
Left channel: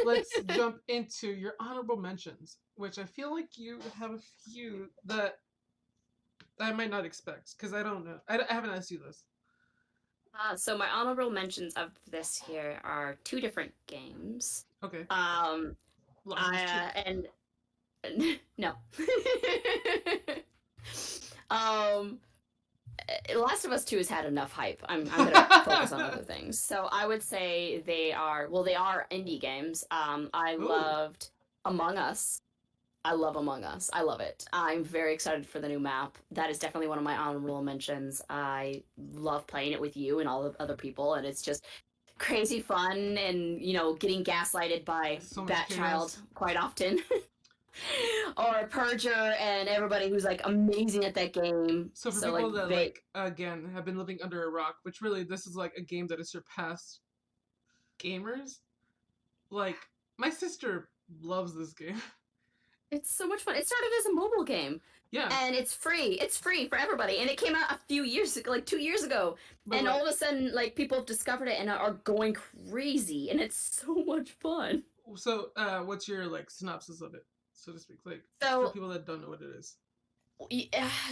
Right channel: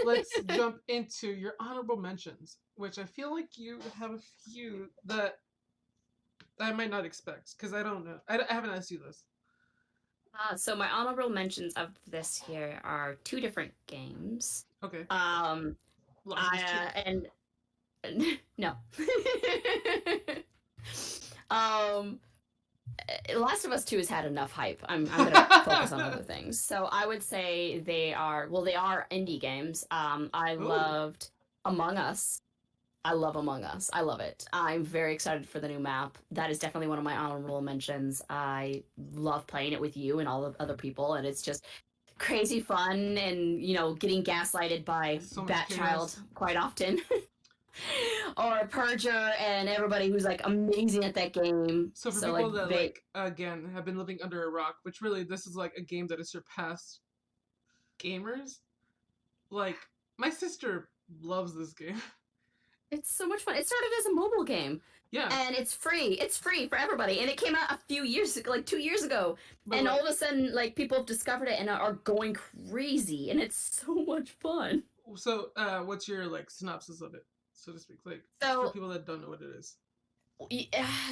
let's jump into your honorable mentions, which I feel like you have a few that I might not expect because I don't know. I haven't asked you this. So my honorable mentions of this here are 2 different games. Okay. And no. Last of Us 2 has had enough hype. I'm gonna focus on other things. So I would say they are indie games. I loved Among Us. I love Among Us. I love it. I'm very excited for the new map. That is definitely one of my honorable mentions. I love playing it with you and all of other people, and it's just crazy fun and, getting gaslighted by Batchild quite often. Or Purger and everybody who's like amazing at that game. So for people that again have been living under a rock, which really this is like a game that has surpassed gamers. Like my sister loves this game. It's so much fun. It started as a mobile game. Yeah. And it's free. It's free for everybody. And it came out a few years ago, like 2 years ago. But and all of a sudden, like, people have discovered it and are going crazy. And it's so much fun. So, what's your like synopsis of it, so to speak? Like for So people that don't know what it is.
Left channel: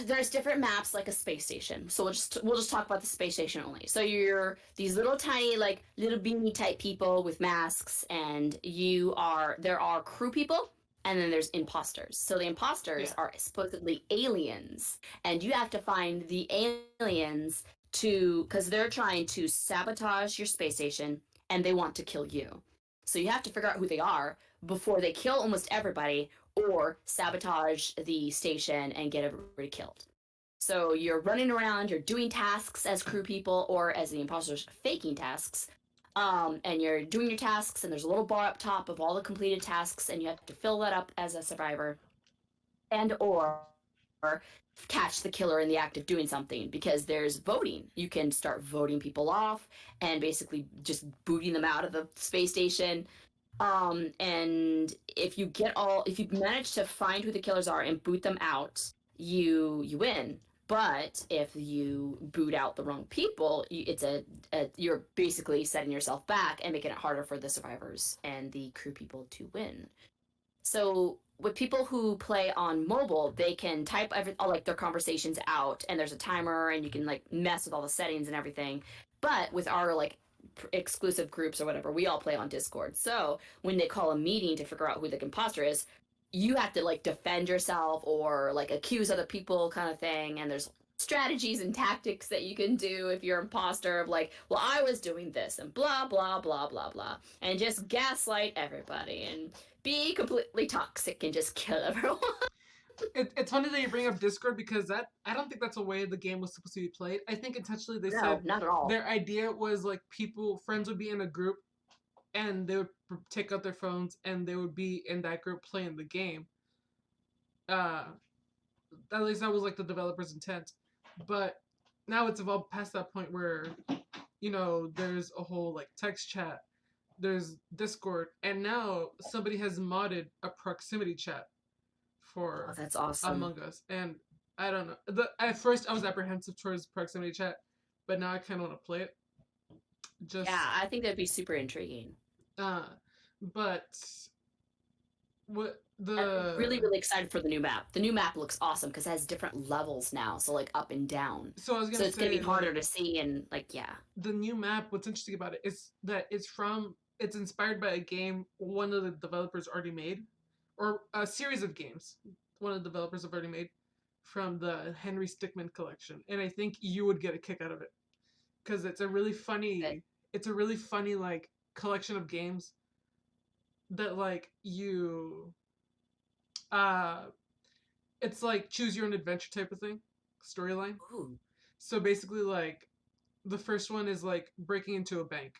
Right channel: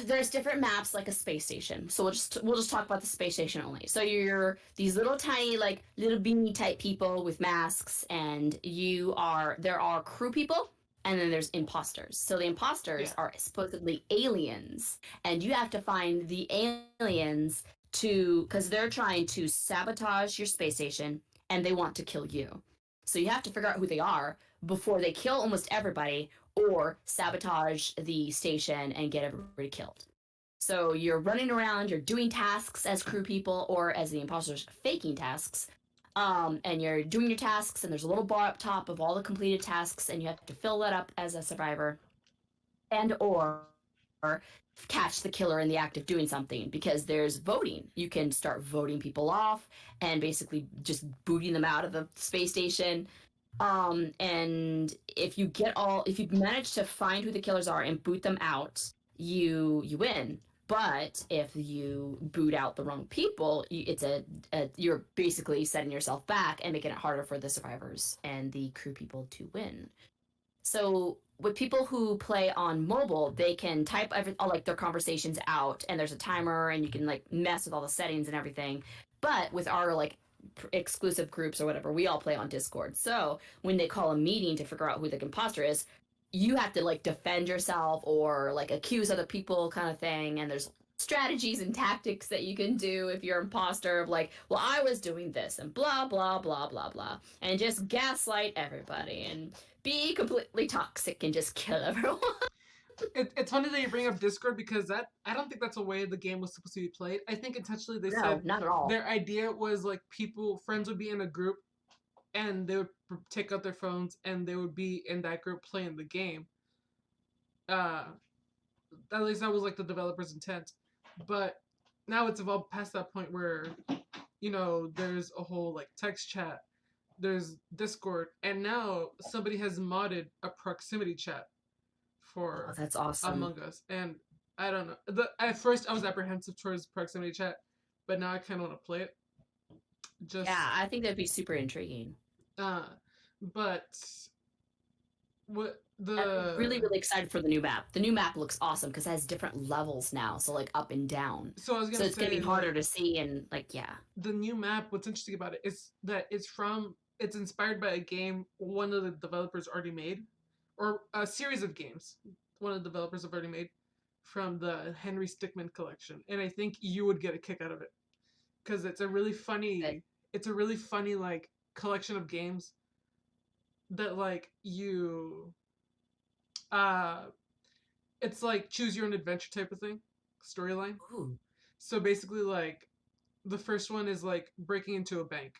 there's different maps like a space station. So we'll just talk about the space station only. So you're these little tiny like little beanie type people with masks, and there are crew people, and then there's imposters. So the imposters Yeah. are supposedly aliens, and you have to find the aliens to because they're trying to sabotage your space station, and they want to kill you. So you have to figure out who they are before they kill almost everybody or sabotage the station and get everybody killed. So you're running around, you're doing tasks as crew people or as the imposters faking tasks. And you're doing your tasks, and there's a little bar up top of all the completed tasks, and you have to fill that up as a survivor, and or catch the killer in the act of doing something because there's voting. You can start voting people off and basically just booting them out of the space station. And if you manage to find who the killers are and boot them out, you win. But if you boot out the wrong people, you're basically setting yourself back and making it harder for the survivors and the crew people to win. So with people who play on mobile, they can type all like their conversations out, and there's a timer, and you can like mess with all the settings and everything. But with our like exclusive groups or whatever, we all play on Discord. So when they call a meeting to figure out who the imposter is, you have to like defend yourself or like accuse other people, kind of thing. And there's strategies and tactics that you can do if you're an imposter of like, well, I was doing this and blah blah blah blah blah, and just gaslight everybody and be completely toxic and just kill everyone. It's funny that you bring up Discord because that I don't think that's a way the game was supposed to be played. I think intentionally they No, said not at all. their idea was like friends would be in a group and they would take out their phones and they would be in that group playing the game. Uh, at least that was like the developer's intent. But now it's evolved past that point where there's a whole like text chat, there's Discord, and now somebody has modded a proximity chat Oh, for that's awesome. Among Us, and I don't know. At first, I was apprehensive towards proximity chat, but now I kind of want to play it. Yeah, Just, I think that'd be super intriguing. uh, but what I'm really, the really excited for the new map. The new map looks awesome because it has different levels now, so like up and down. so I was So gonna it's gonna be say harder like to see and like yeah. the new map. What's interesting about it is that it's inspired by a game one of the developers already made, or a series of games one of the developers have already made from the Henry Stickmin collection, and I think you would get a kick out of it because But it's a really funny like collection of games that like you uh it's like choose your own adventure type of thing storyline. ooh, So basically like the first one is like breaking into a bank.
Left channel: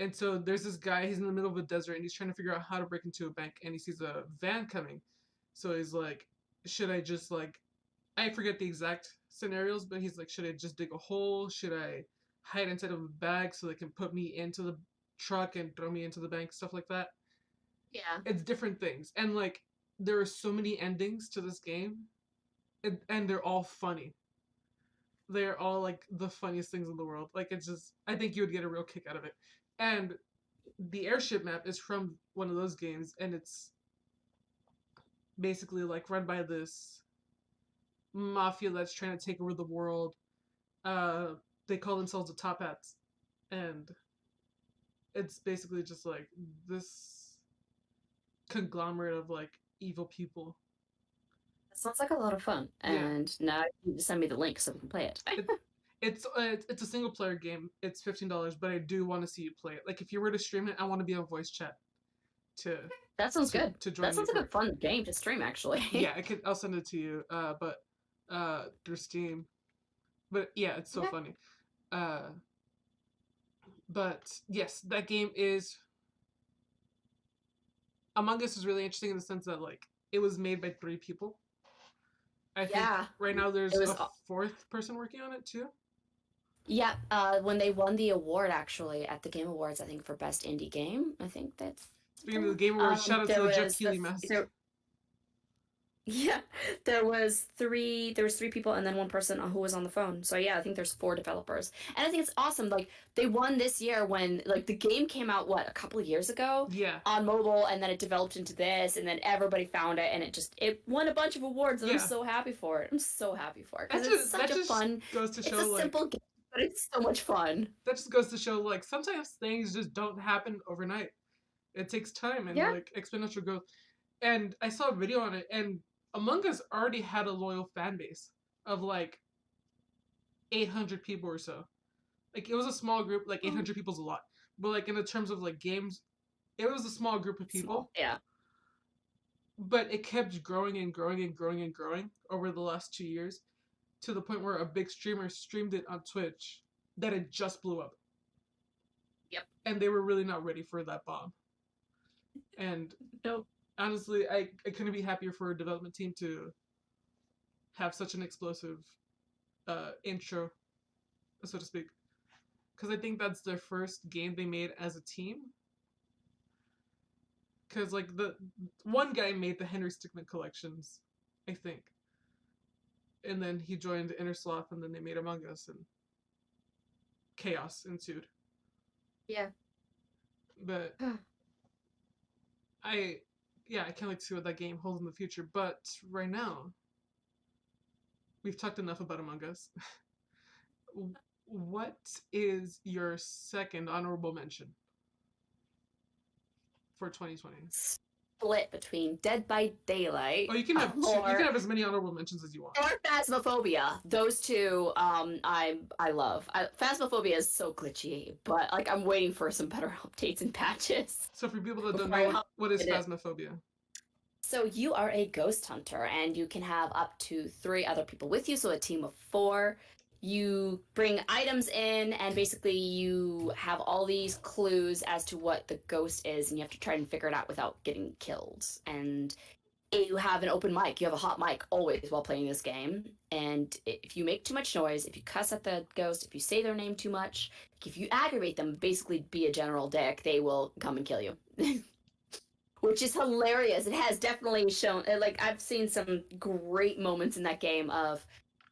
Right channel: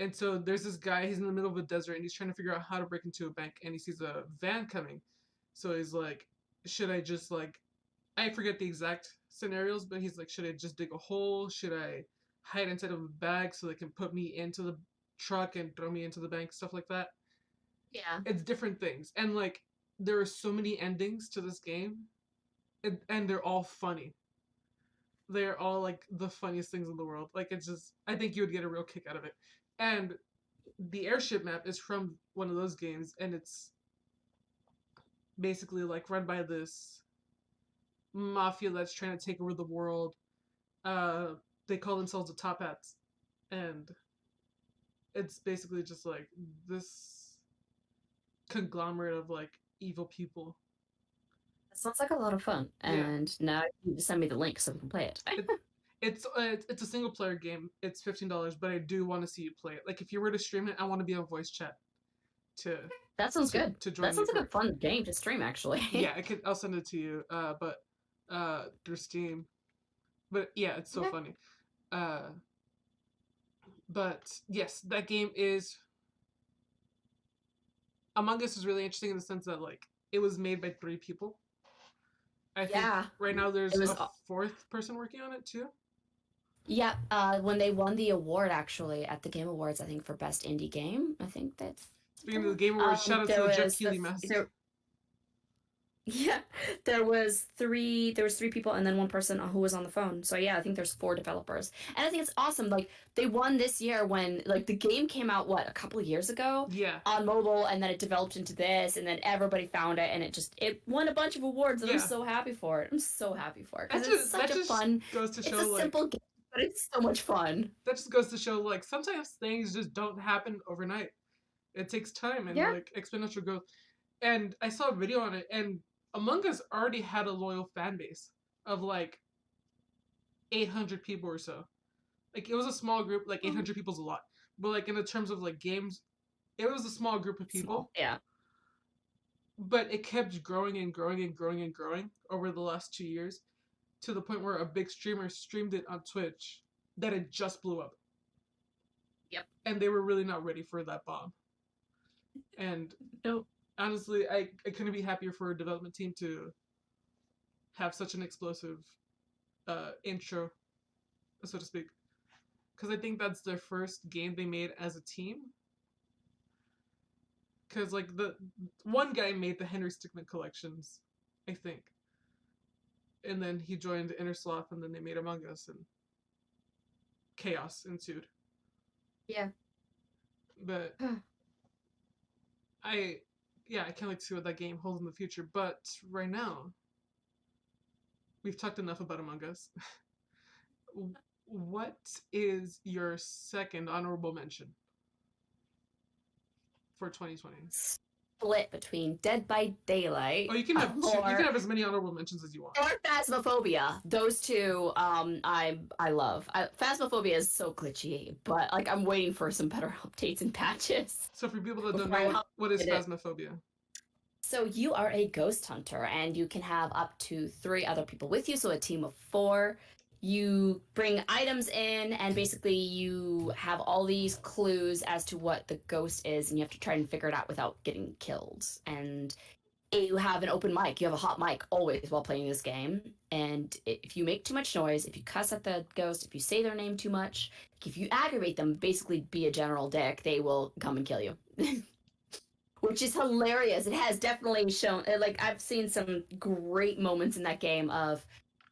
And so there's this guy, he's in the middle of a desert and he's trying to figure out how to break into a bank and he sees a van coming. So he's like, should I just like I forget the exact scenarios, but he's like, should I just dig a hole? Should I hide inside of a bag so they can put me into the truck and throw me into the bank, stuff like that. yeah. It's different things. And like there are so many endings to this game and they're all funny. They're all like the funniest things in the world. Like it's just I think you would get a real kick out of it. And the airship map is from one of those games and it's basically like run by this mafia that's trying to take over the world. Uh, they call themselves the Top Hats, and it's basically just like this conglomerate of like evil people. That sounds like a lot of fun. Yeah, And now you need to send me the link so we can play it. it, it's a single player game. It's $15, but I do want to see you play it. Like if you were to stream it, I want to be on voice chat to That sounds good. to That join you sounds like for a it. fun game to stream actually. Yeah, I'll send it to you. But through Steam. But yeah, it's so Okay. funny. Uh, but yes, that game is Among Us is really interesting in the sense that like it was made by 3 people. I think Yeah. right now It there's was a fourth person working on it too. yeah, when they won the award actually at the Game Awards, I think for best indie game, I think that's Speaking of the Game Awards, shout out to there the Jeff was Keighley mask. Yeah, there was three people and then one person who was on the phone. So yeah, I think there's four developers. And I think it's awesome. Like they won this year when like the game came out a couple of years ago Yeah, on mobile, and then it developed into this, and then everybody found it, and it won a bunch of awards, and I'm yeah. so happy for it. I'm so happy for it That because it's just such that a just fun, goes to it's show a like simple game, but it's so much fun. that just goes to show like sometimes things just don't happen overnight. It takes time and Yeah. like exponential growth. And I saw a video on it, and Among Us already had a loyal fan base of like 800 people or so. Like it was a small group. Like Oh, 800 people is a lot, but like in the terms of like games, it was a small group of small. people. Yeah. But it kept growing and growing and growing and growing over the last 2 years to the point where a big streamer streamed it on Twitch that it just blew up, Yep. and they were really not ready for that bomb. And Nope. honestly, I couldn't be happier for a development team to have such an explosive intro, so to speak. Because I think that's their first game they made as a team. Because like the one guy made the Henry Stickmin collections, I think, and then he joined Innersloth, and then they made Among Us, and chaos ensued. Yeah. But I, yeah, I can't wait to see what that game holds in the future. But right now, we've talked enough about Among Us. What is your second honorable mention for 2020? Split between Dead by Daylight Oh, you can have two. You can or have as many honorable mentions as you want. or Phasmophobia. Those two, I love. Phasmophobia is so glitchy, but like I'm waiting for some better updates and patches So for people that don't before I know hop what is in it. phasmophobia, So you are a ghost hunter, and you can have up to three other people with you, so a team of four. You bring items in, and basically you have all these clues as to what the ghost is, and you have to try and figure it out without getting killed. And you have an open mic. You have a hot mic always while playing this game. And if you make too much noise, if you cuss at the ghost, if you say their name too much, if you aggravate them, basically be a general dick, they will come and kill you. Which is hilarious. It has definitely shown, like, I've seen some great moments in that game of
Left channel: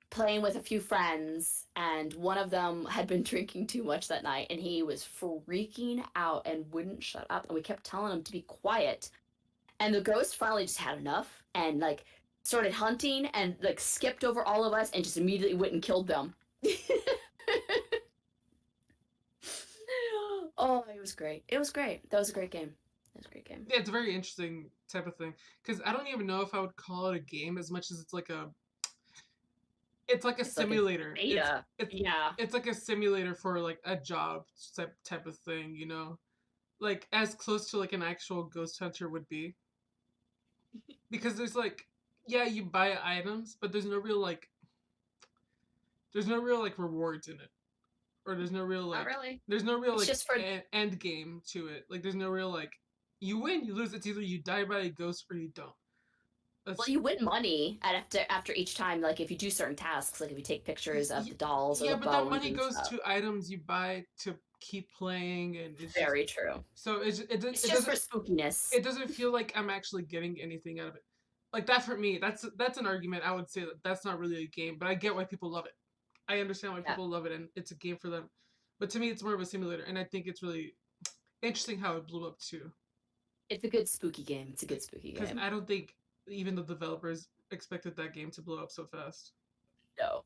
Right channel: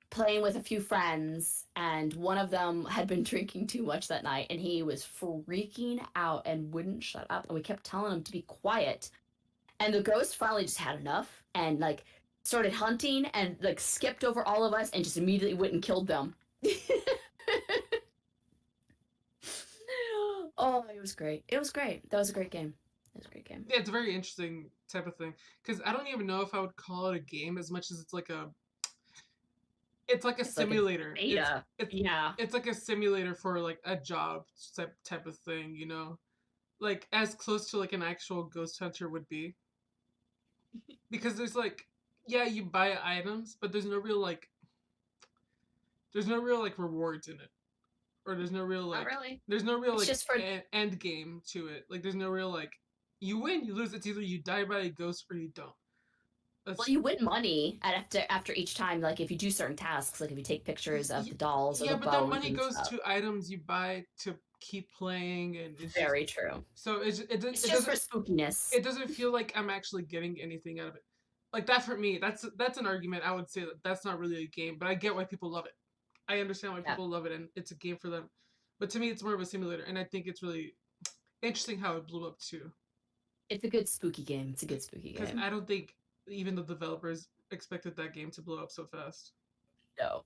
playing with a few friends, and one of them had been drinking too much that night, and he was freaking out and wouldn't shut up. And we kept telling him to be quiet, and the ghost finally just had enough and like started hunting and like skipped over all of us and just immediately went and killed them. Oh, it was great. It was great. That was a great game. It was a great game. yeah, it's a very interesting type of thing. Because I don't even know if I would call it a game as much as it's like a It's like a simulator. beta. It's Yeah. it's like a simulator for like a job type of thing, you know, like as close to like an actual ghost hunter would be. Because there's like, yeah, you buy items, but there's no real like rewards in it, or Not really. there's no real It's like just for end game to it. Like there's no real like you win, you lose. It's either you die by a ghost or you don't. well, That's you win money after each time. Like if you do certain tasks, like if you take pictures of the dolls or yeah, the but that bones money and goes stuff. to items you buy to keep playing, and it's just Very true. so It's just for spookiness. it doesn't feel like I'm actually getting anything out of it. Like that for me, that's an argument. I would say that that's not really a game, but I get why people love it. I understand why Yeah. people love it, and it's a game for them. But to me, it's more of a simulator, and I think it's really interesting how it blew up too. It's a good spooky game. It's a good spooky Because game. I don't think even the developers expected that game to blow up so fast. No,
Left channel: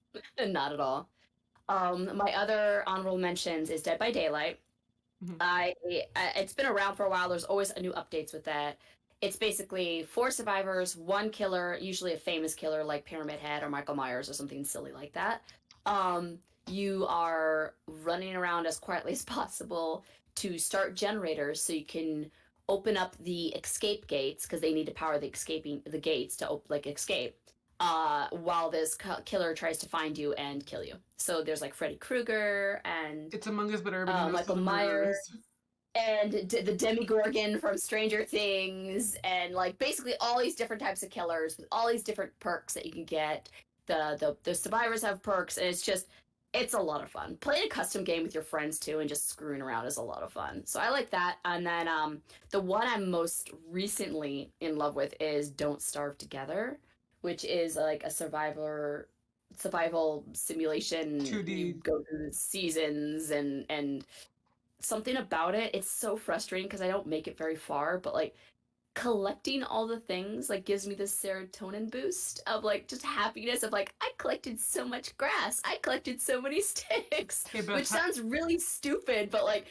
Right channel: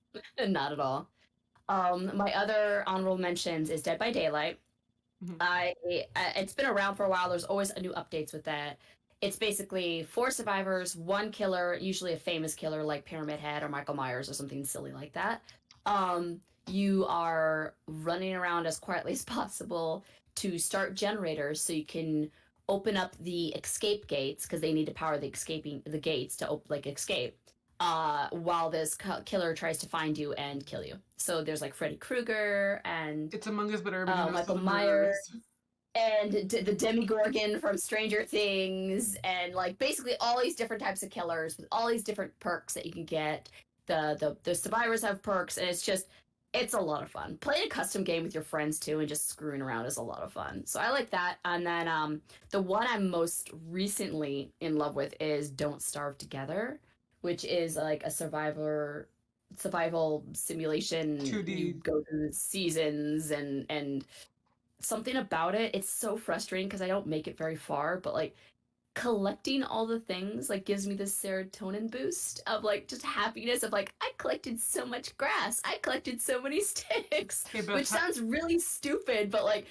not at all. My other honorable mentions is Dead by Daylight. Mhm. It's been around for a while. There's always new updates with that. It's basically four survivors, one killer, usually a famous killer like Pyramid Head or Michael Myers or something silly like that. You are running around as quietly as possible to start generators so you can open up the escape gates because they need to power the gates to escape. While this killer tries to find you and kill you. So there's like Freddy Krueger and It's Among Us, but everybody knows who Michael the murderer Myers is. and the Demigorgon from Stranger Things, and like basically all these different types of killers with all these different perks that you can get. The survivors have perks, and it's a lot of fun. Playing a custom game with your friends too, and just screwing around is a lot of fun. So I like that. And then the one I'm most recently in love with is Don't Starve Together. which is like a survival simulation. You 2D. go through the seasons and something about it. It's so frustrating because I don't make it very far, but like collecting all the things like gives me this serotonin boost of like just happiness of like I collected so much grass, I collected so many sticks, Hey, which Beth, sounds really stupid, but like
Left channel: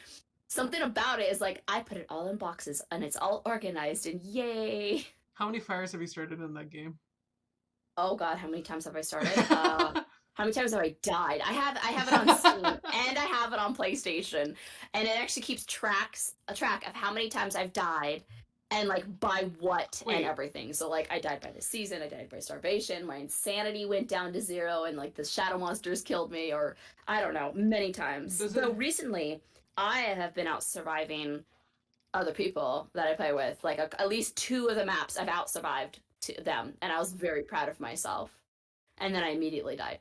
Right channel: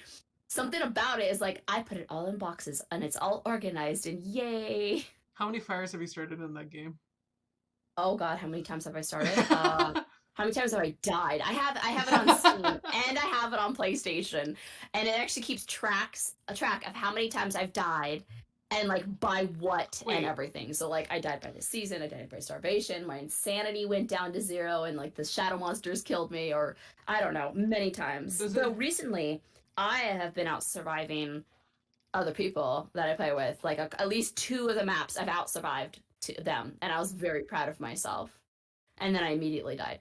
something about it is like I put it all in boxes and it's all organized and yay. how many fires have you started in that game? Oh God, how many times have I started? How many times have I died? I have it on Steam and I have it on PlayStation, and it actually keeps a track of how many times I've died and like by what and Wait, everything. So like I died by the season, I died by starvation, my insanity went down to 0, and like the shadow monsters killed me, or I don't know, many times. does Though it? recently I have been out surviving other people that I play with. Like at least 2 of the maps I've out survived to them, and I was very proud of myself. And then I immediately died.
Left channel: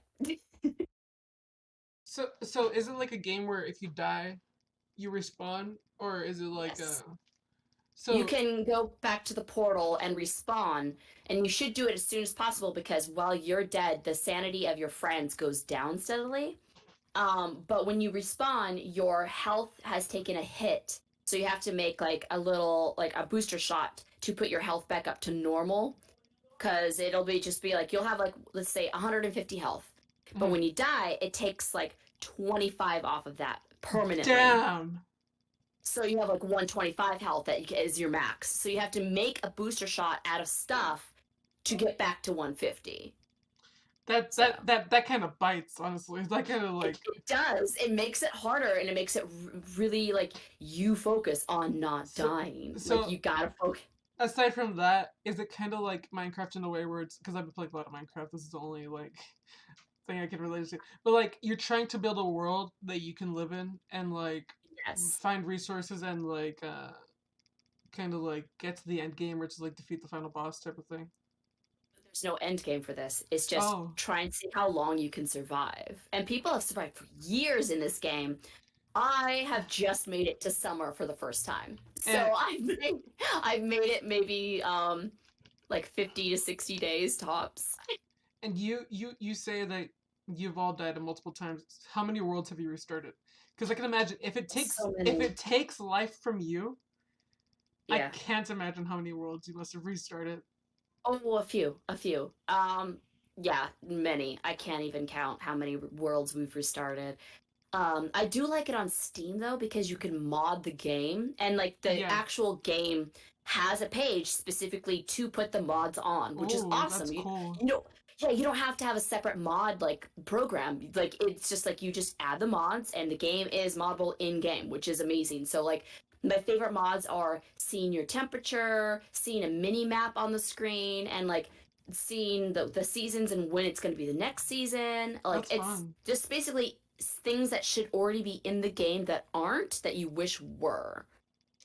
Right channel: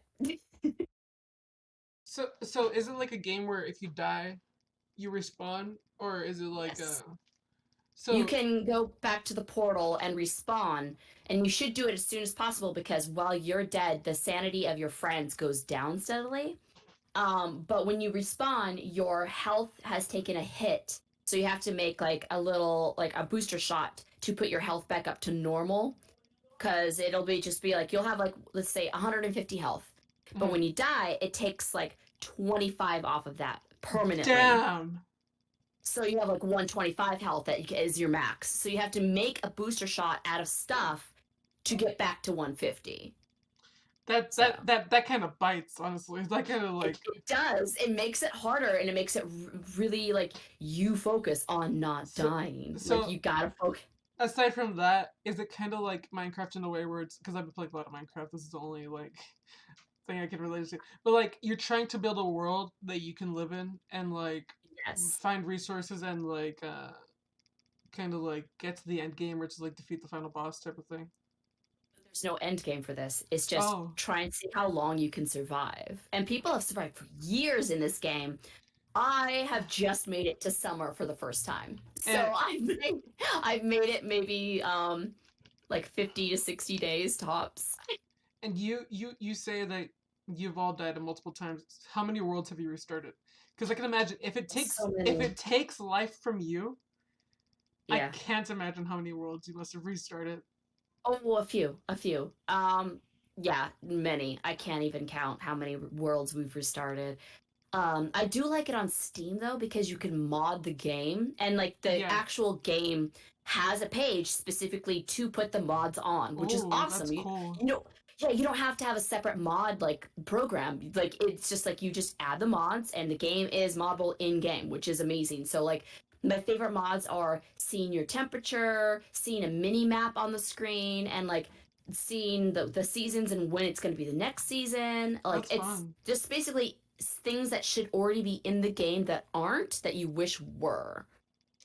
So is it like a game where if you die, you respawn, or is it like a? Yes. You So can go back to the portal and respawn, and you should do it as soon as possible because while you're dead, the sanity of your friends goes down steadily. But when you respawn, your health has taken a hit. So you have to make like a little, like a booster shot to put your health back up to normal. Because it'll be just be like, you'll have like, let's say 150 health. But mhm. when you die, it takes like 25 off of that permanently. Damn. So you have like 125 health that is your max. So you have to make a booster shot out of stuff to get back to 150. That So that that that kind of bites, honestly. That kind of like. it does. It makes it harder, and it makes it really like you focus on not So dying. Like so you gotta focus. aside from that, is it kind of like Minecraft in a way where it's because I've been playing a lot of Minecraft. This is the only like thing I can relate to. But like you're trying to build a world that you can live in and like Yes. find resources and like kind of like get to the end game, which is like defeat the final boss type of thing. There's no end game for this. It's just Oh, try and see how long you can survive. And people have survived for years in this game. I have just made it to summer for the first time. and So I've made it maybe like 50 to 60 days tops. you say that you've all died multiple times. How many worlds have you restarted? Because I can imagine So if many. it takes life from you, I Yeah. can't imagine how many worlds you must have restarted. Oh, a few, a few. Yeah, many. I can't even count how many worlds we've restarted. I do like it on Steam though because you can mod the game, and like the Yeah. actual game has a page specifically to put the mods on, which is Oh, that's awesome. cool. You know, yeah, you don't have to have a separate mod like program. Like it's just like you just add the mods and the game is moddable in game, which is amazing. So like my favorite mods are seeing your temperature, seeing a mini map on the screen, and like seeing the seasons and when it's going to be the next season. Like That's it's fun. just basically things that should already be in the game that aren't that you wish were.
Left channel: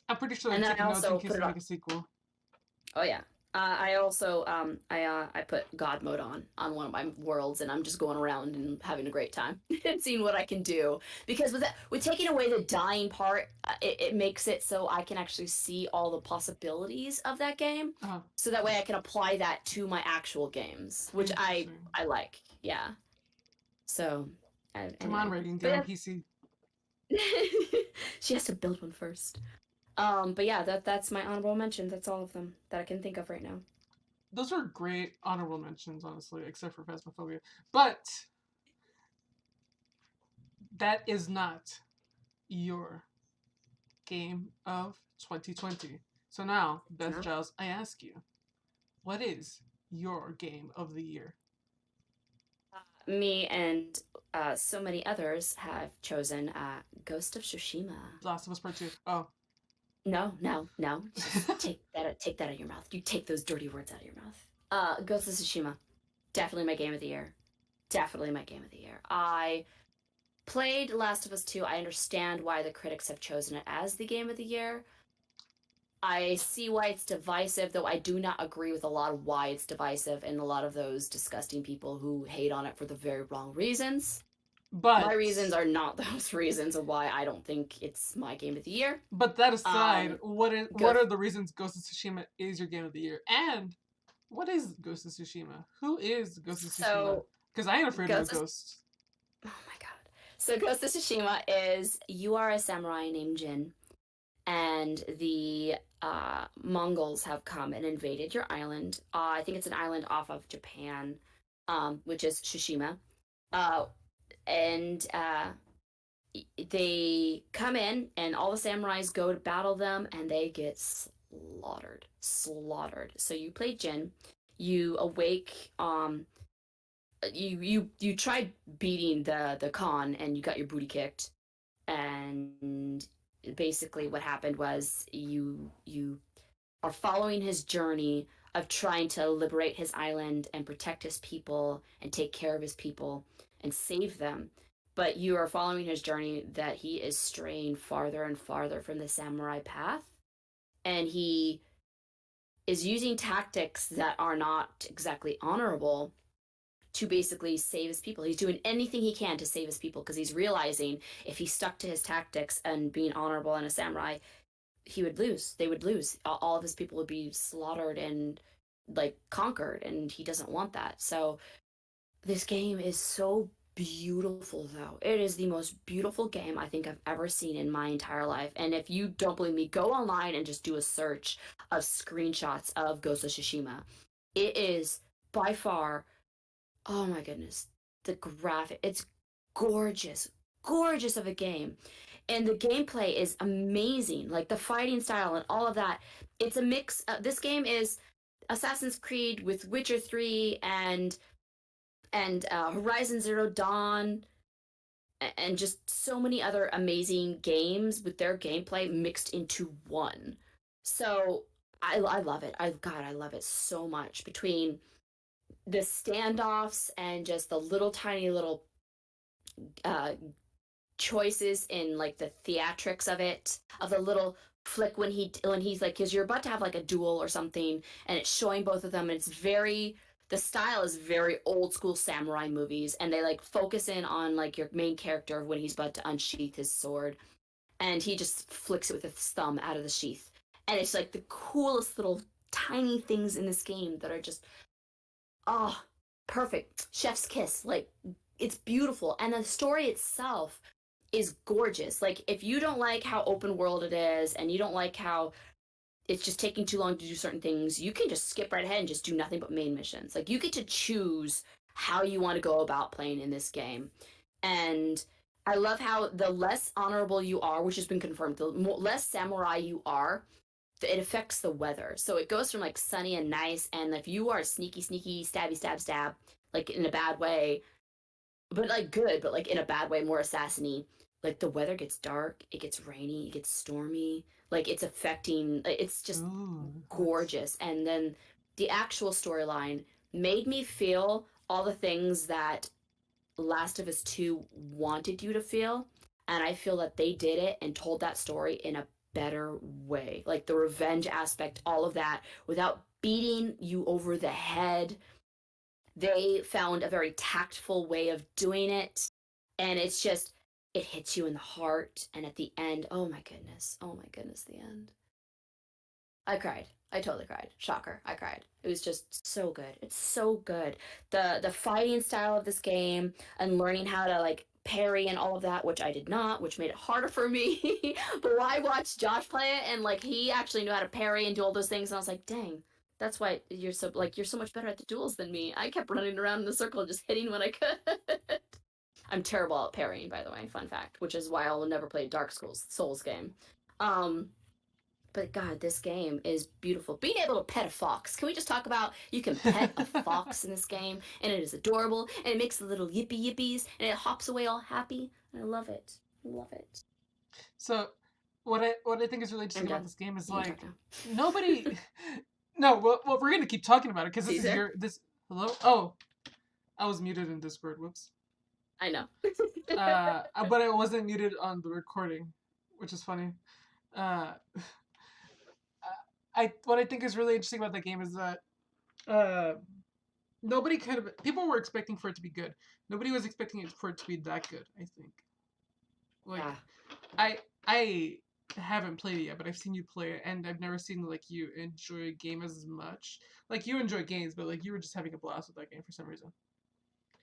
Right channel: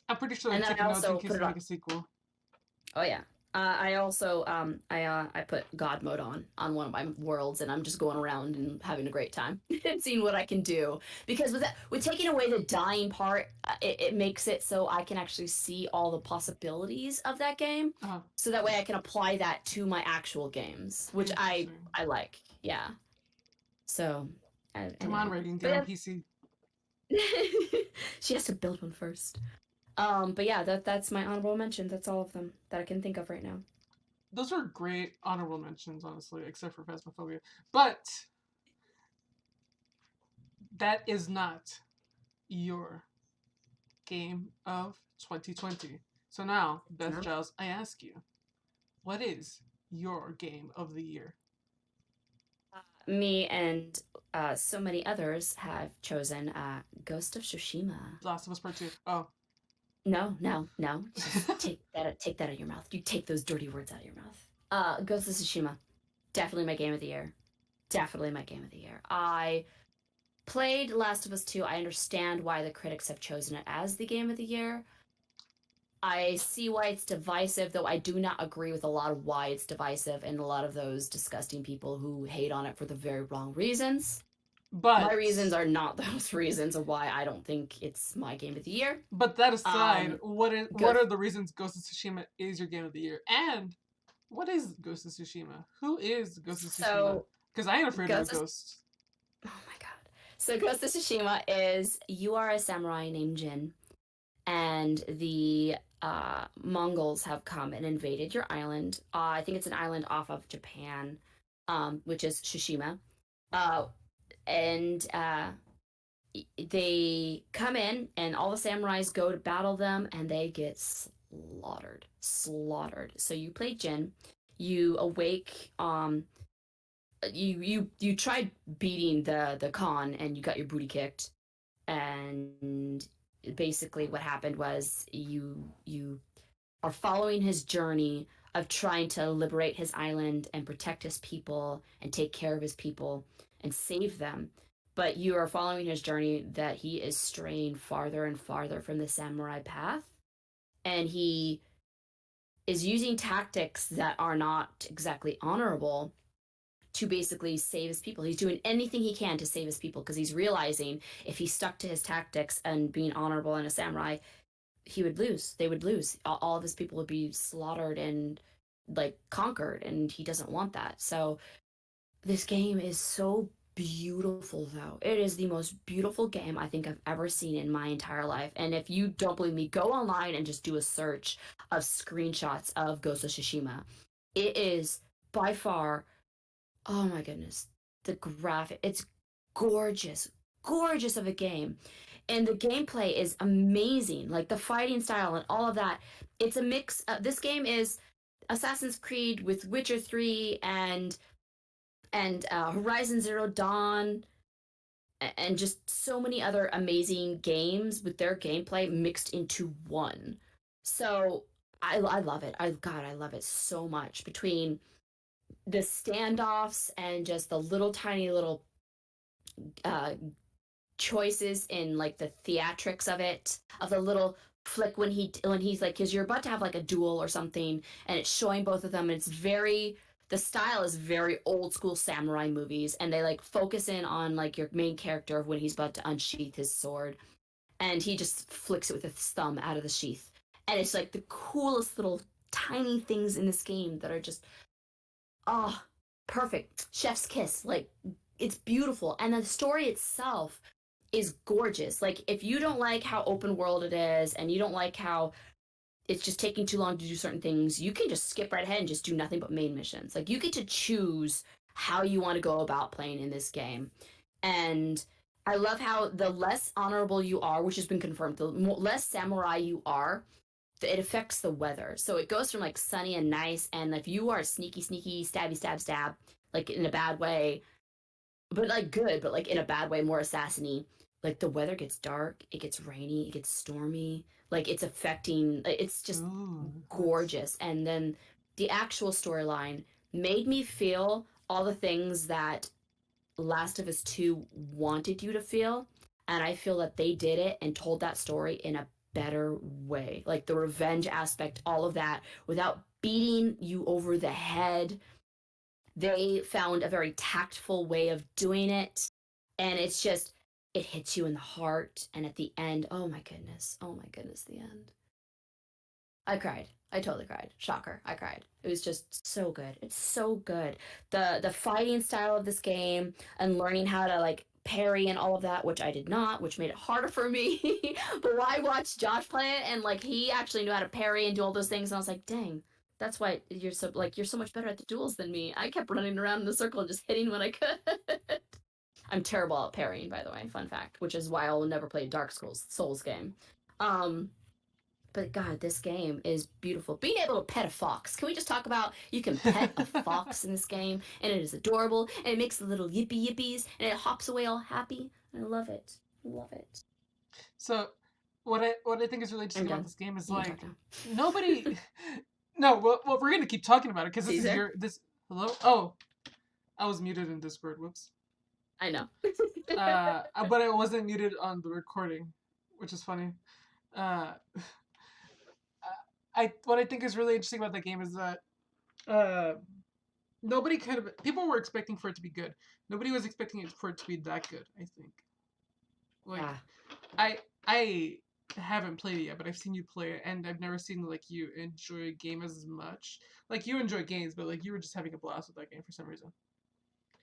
I'm pretty sure they're And then I taking notes in also case put it they on. make a sequel. Oh yeah. I also I put God mode on one of my worlds, and I'm just going around and having a great time and seeing what I can do. Because with taking away the dying part, it makes it so I can actually see all the possibilities of that game, Uh, so that way I can apply that to my actual games, which interesting. I like. Yeah. So Come on, anyway, Reagan, get but on yeah, PC. she has to build one first. But yeah, that's my honorable mentions. That's all of them that I can think of right now. Those are great honorable mentions, honestly, except for Phasmophobia. But that is not your game of 2020. So now, Beth No? Giles, I ask you, what is your game of the year? Me and so many others have chosen Ghost of Tsushima. Last of Us Part 2. Oh. No, no, no. Just take that out of your mouth. You take those dirty words out of your mouth. Ghost of Tsushima. Definitely my game of the year. Definitely my game of the year. I played Last of Us 2. I understand why the critics have chosen it as the game of the year. I see why it's divisive, though I do not agree with a lot of why it's divisive and a lot of those disgusting people who hate on it for the very wrong reasons. My But reasons are not those reasons of why I don't think it's my game of the year. that aside, Um, what Ghost, are the reasons Ghost of Tsushima is your game of the year? And What is Ghost of Tsushima? Who is Ghost of Tsushima? So, Because I ain't afraid of a Ghost of ghost. Oh my god. So Ghost of Tsushima is you are a samurai named Jin, and the Mongols have come and invaded your island. I think it's an island off of Japan, which is Tsushima. Uh, and they come in, and all the samurais go to battle them, and they get slaughtered. Slaughtered. So you play Jin. You awake. You tried beating the Khan, and you got your booty kicked, and basically what happened was you are following his journey of trying to liberate his island and protect his people and take care of his people and save them, but you are following his journey that he is straying farther and farther from the samurai path, and he is using tactics that are not exactly honorable to basically save his people. He's doing anything he can to save his people because he's realizing if he stuck to his tactics and being honorable and a samurai, he would lose. They would lose. All of his people would be slaughtered and like conquered, and he doesn't want that. So this game is so beautiful, though. It is the most beautiful game I think I've ever seen in my entire life. And if you don't believe me, go online and just do a search of screenshots of Ghost of Tsushima. It is by far, oh my goodness, the graphic. It's gorgeous, gorgeous of a game. And the gameplay is amazing. Like the fighting style and all of that. It's a mix. This game is Assassin's Creed with Witcher 3 and Horizon Zero Dawn and just so many other amazing games with their gameplay mixed into one. So I love it. I love it so much. Between the standoffs and just the little tiny little uh, choices in like the theatrics of it, of the little flick when he's like, because you're about to have like a duel or something, and it's showing both of them. And it's very the style is very old school samurai movies, and they like focus in on like your main character when he's about to unsheath his sword, and he just flicks it with his thumb out of the sheath, and it's like the coolest little tiny things in this game that are just oh perfect chef's kiss. Like it's beautiful, and the story itself is gorgeous. Like if you don't like how open world it is and you don't like how it's just taking too long to do certain things, you can just skip right ahead and just do nothing but main missions. Like you get to choose how you want to go about playing in this game. And I love how the less honorable you are, which has been confirmed, the less samurai you are, it affects the weather. So it goes from like sunny and nice, and if you are sneaky, sneaky, stabby, stab, stab, like in a bad way, but like good, but like in a bad way, more assassiny. Like the weather gets dark, it gets rainy, it gets stormy. Like it's affecting. It's just Ooh, nice. gorgeous. And then the actual storyline made me feel all the things that Last of Us 2 wanted you to feel, and I feel that they did it and told that story in a better way. Like the revenge aspect, all of that, without beating you over the head. They found a very tactful way of doing it, and it's just it hits you in the heart, and at the end, oh my goodness, the end. I cried. I totally cried. Shocker. I cried. It was just so good. It's so good. The fighting style of this game and learning how to like parry and all of that, which I did not, which made it harder for me. But I watched Josh play it, and like he actually knew how to parry and do all those things, and I was like, dang, that's why you're so much better at the duels than me. I kept running around in the circle and just hitting when I could. I'm terrible at parrying, by the way, fun fact, which is why I will never play a Dark Souls game. Um, but God, this game is beautiful. Being able to pet a fox. Can we just talk about you can pet a fox in this game, and it is adorable, and it makes the little yippee yippies, and it hops away all happy. I love it. I love it. So, what I think is really I'm interesting about done. this game is You can talk like now. nobody. No, well, we're gonna keep talking about it because this is Caesar? your this. Hello. Oh, I was muted in Discord. Whoops. I know. But I wasn't muted on the recording, which is funny. Uh, I what I think is really interesting about the game is that uh, nobody kind of people were expecting for it to be good. Nobody was expecting it for it to be that good. I think. Like Yeah. I I haven't played it yet, but I've seen you play it, and I've never seen like you enjoy a game as much. Like you enjoy games, but like you were just having a blast with that game for some reason.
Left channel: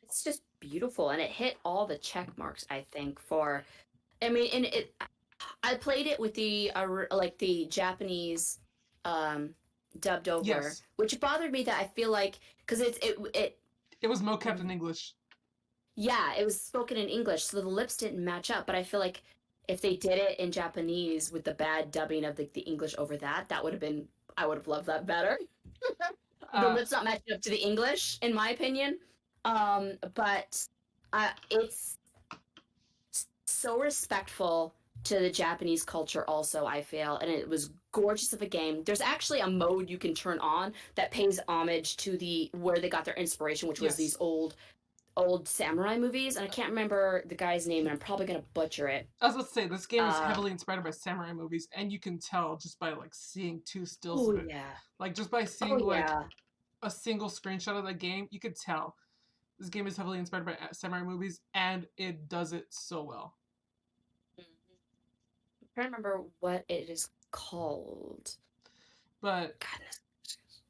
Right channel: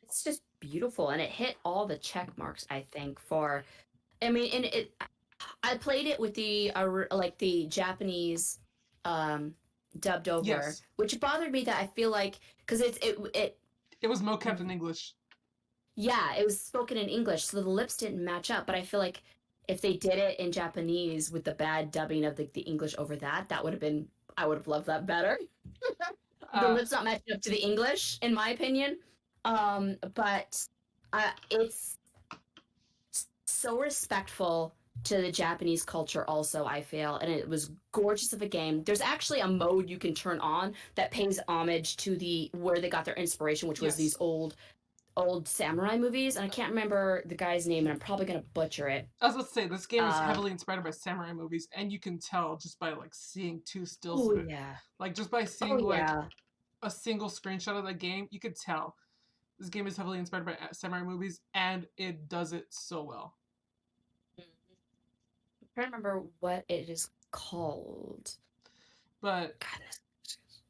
It's just beautiful, and it hit all the check marks, I think, for. I mean, and I played it with the like the Japanese um dubbed over, Yes, which bothered me that I feel like because it it was mocapped in English. yeah, it was spoken in English, so the lips didn't match up. But I feel like if they did it in Japanese with the bad dubbing of the English over that, that would have been I would have loved that better. The Uh, lips not matching up to the English, in my opinion. But it's so respectful to the Japanese culture also, I feel, and it was gorgeous of a game. There's actually a mode you can turn on that pays homage to the where they got their inspiration, which was yes. these old samurai movies, and I can't remember the guy's name, and I'm probably gonna butcher it. I was about to say this game is Uh, heavily inspired by samurai movies, and you can tell just by like seeing two stills oh of it. yeah, Like just by oh seeing like yeah. a single screenshot of that game, you could tell this game is heavily inspired by samurai movies, and it does it so well. I'm trying to remember what it is called. But Goodness.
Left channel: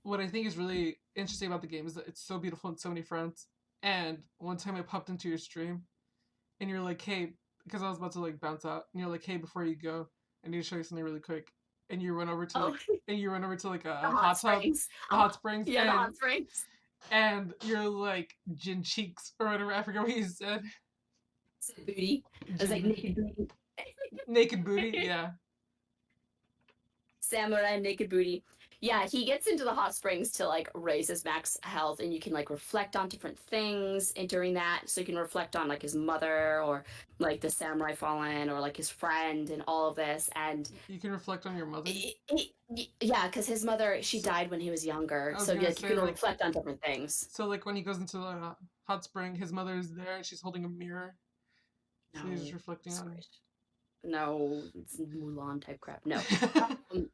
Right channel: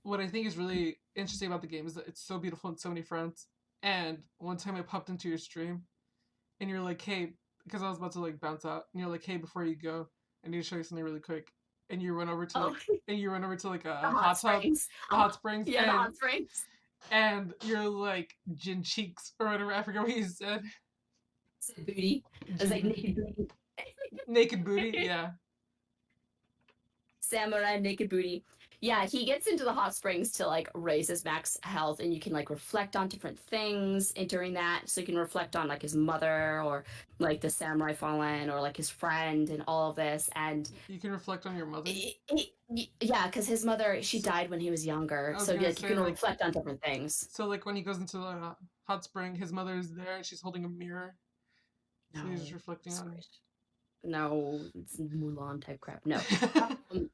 what I think is really interesting about the game is that it's so beautiful on so many fronts. And one time I popped into your stream, and you're like, "Hey," because I was about to like bounce out, and you're like, "Hey, before you go, I need to show you something really quick." And you run over to Oh, like, and you run over to like the a hot hot tub, springs. the hot springs, Yeah, the hot springs. and you're like gin cheeks or whatever. I forget what you said. Booty. I was Gin like booty, naked booty. naked booty. Yeah, Samurai naked booty. Yeah, he gets into the hot springs to like raise his max health, and you can like reflect on different things and during that. So you can reflect on like his mother or like the samurai fallen or like his friend and all of this. And you can reflect on your mother. yeah, because his mother she So died when he was younger, I was so gonna like you say can like, reflect on different things. so like when he goes into the hot spring, his mother is there, and she's holding a mirror, so he's just No, reflecting on. sorry. No, it's Mulan type crap. No. Um,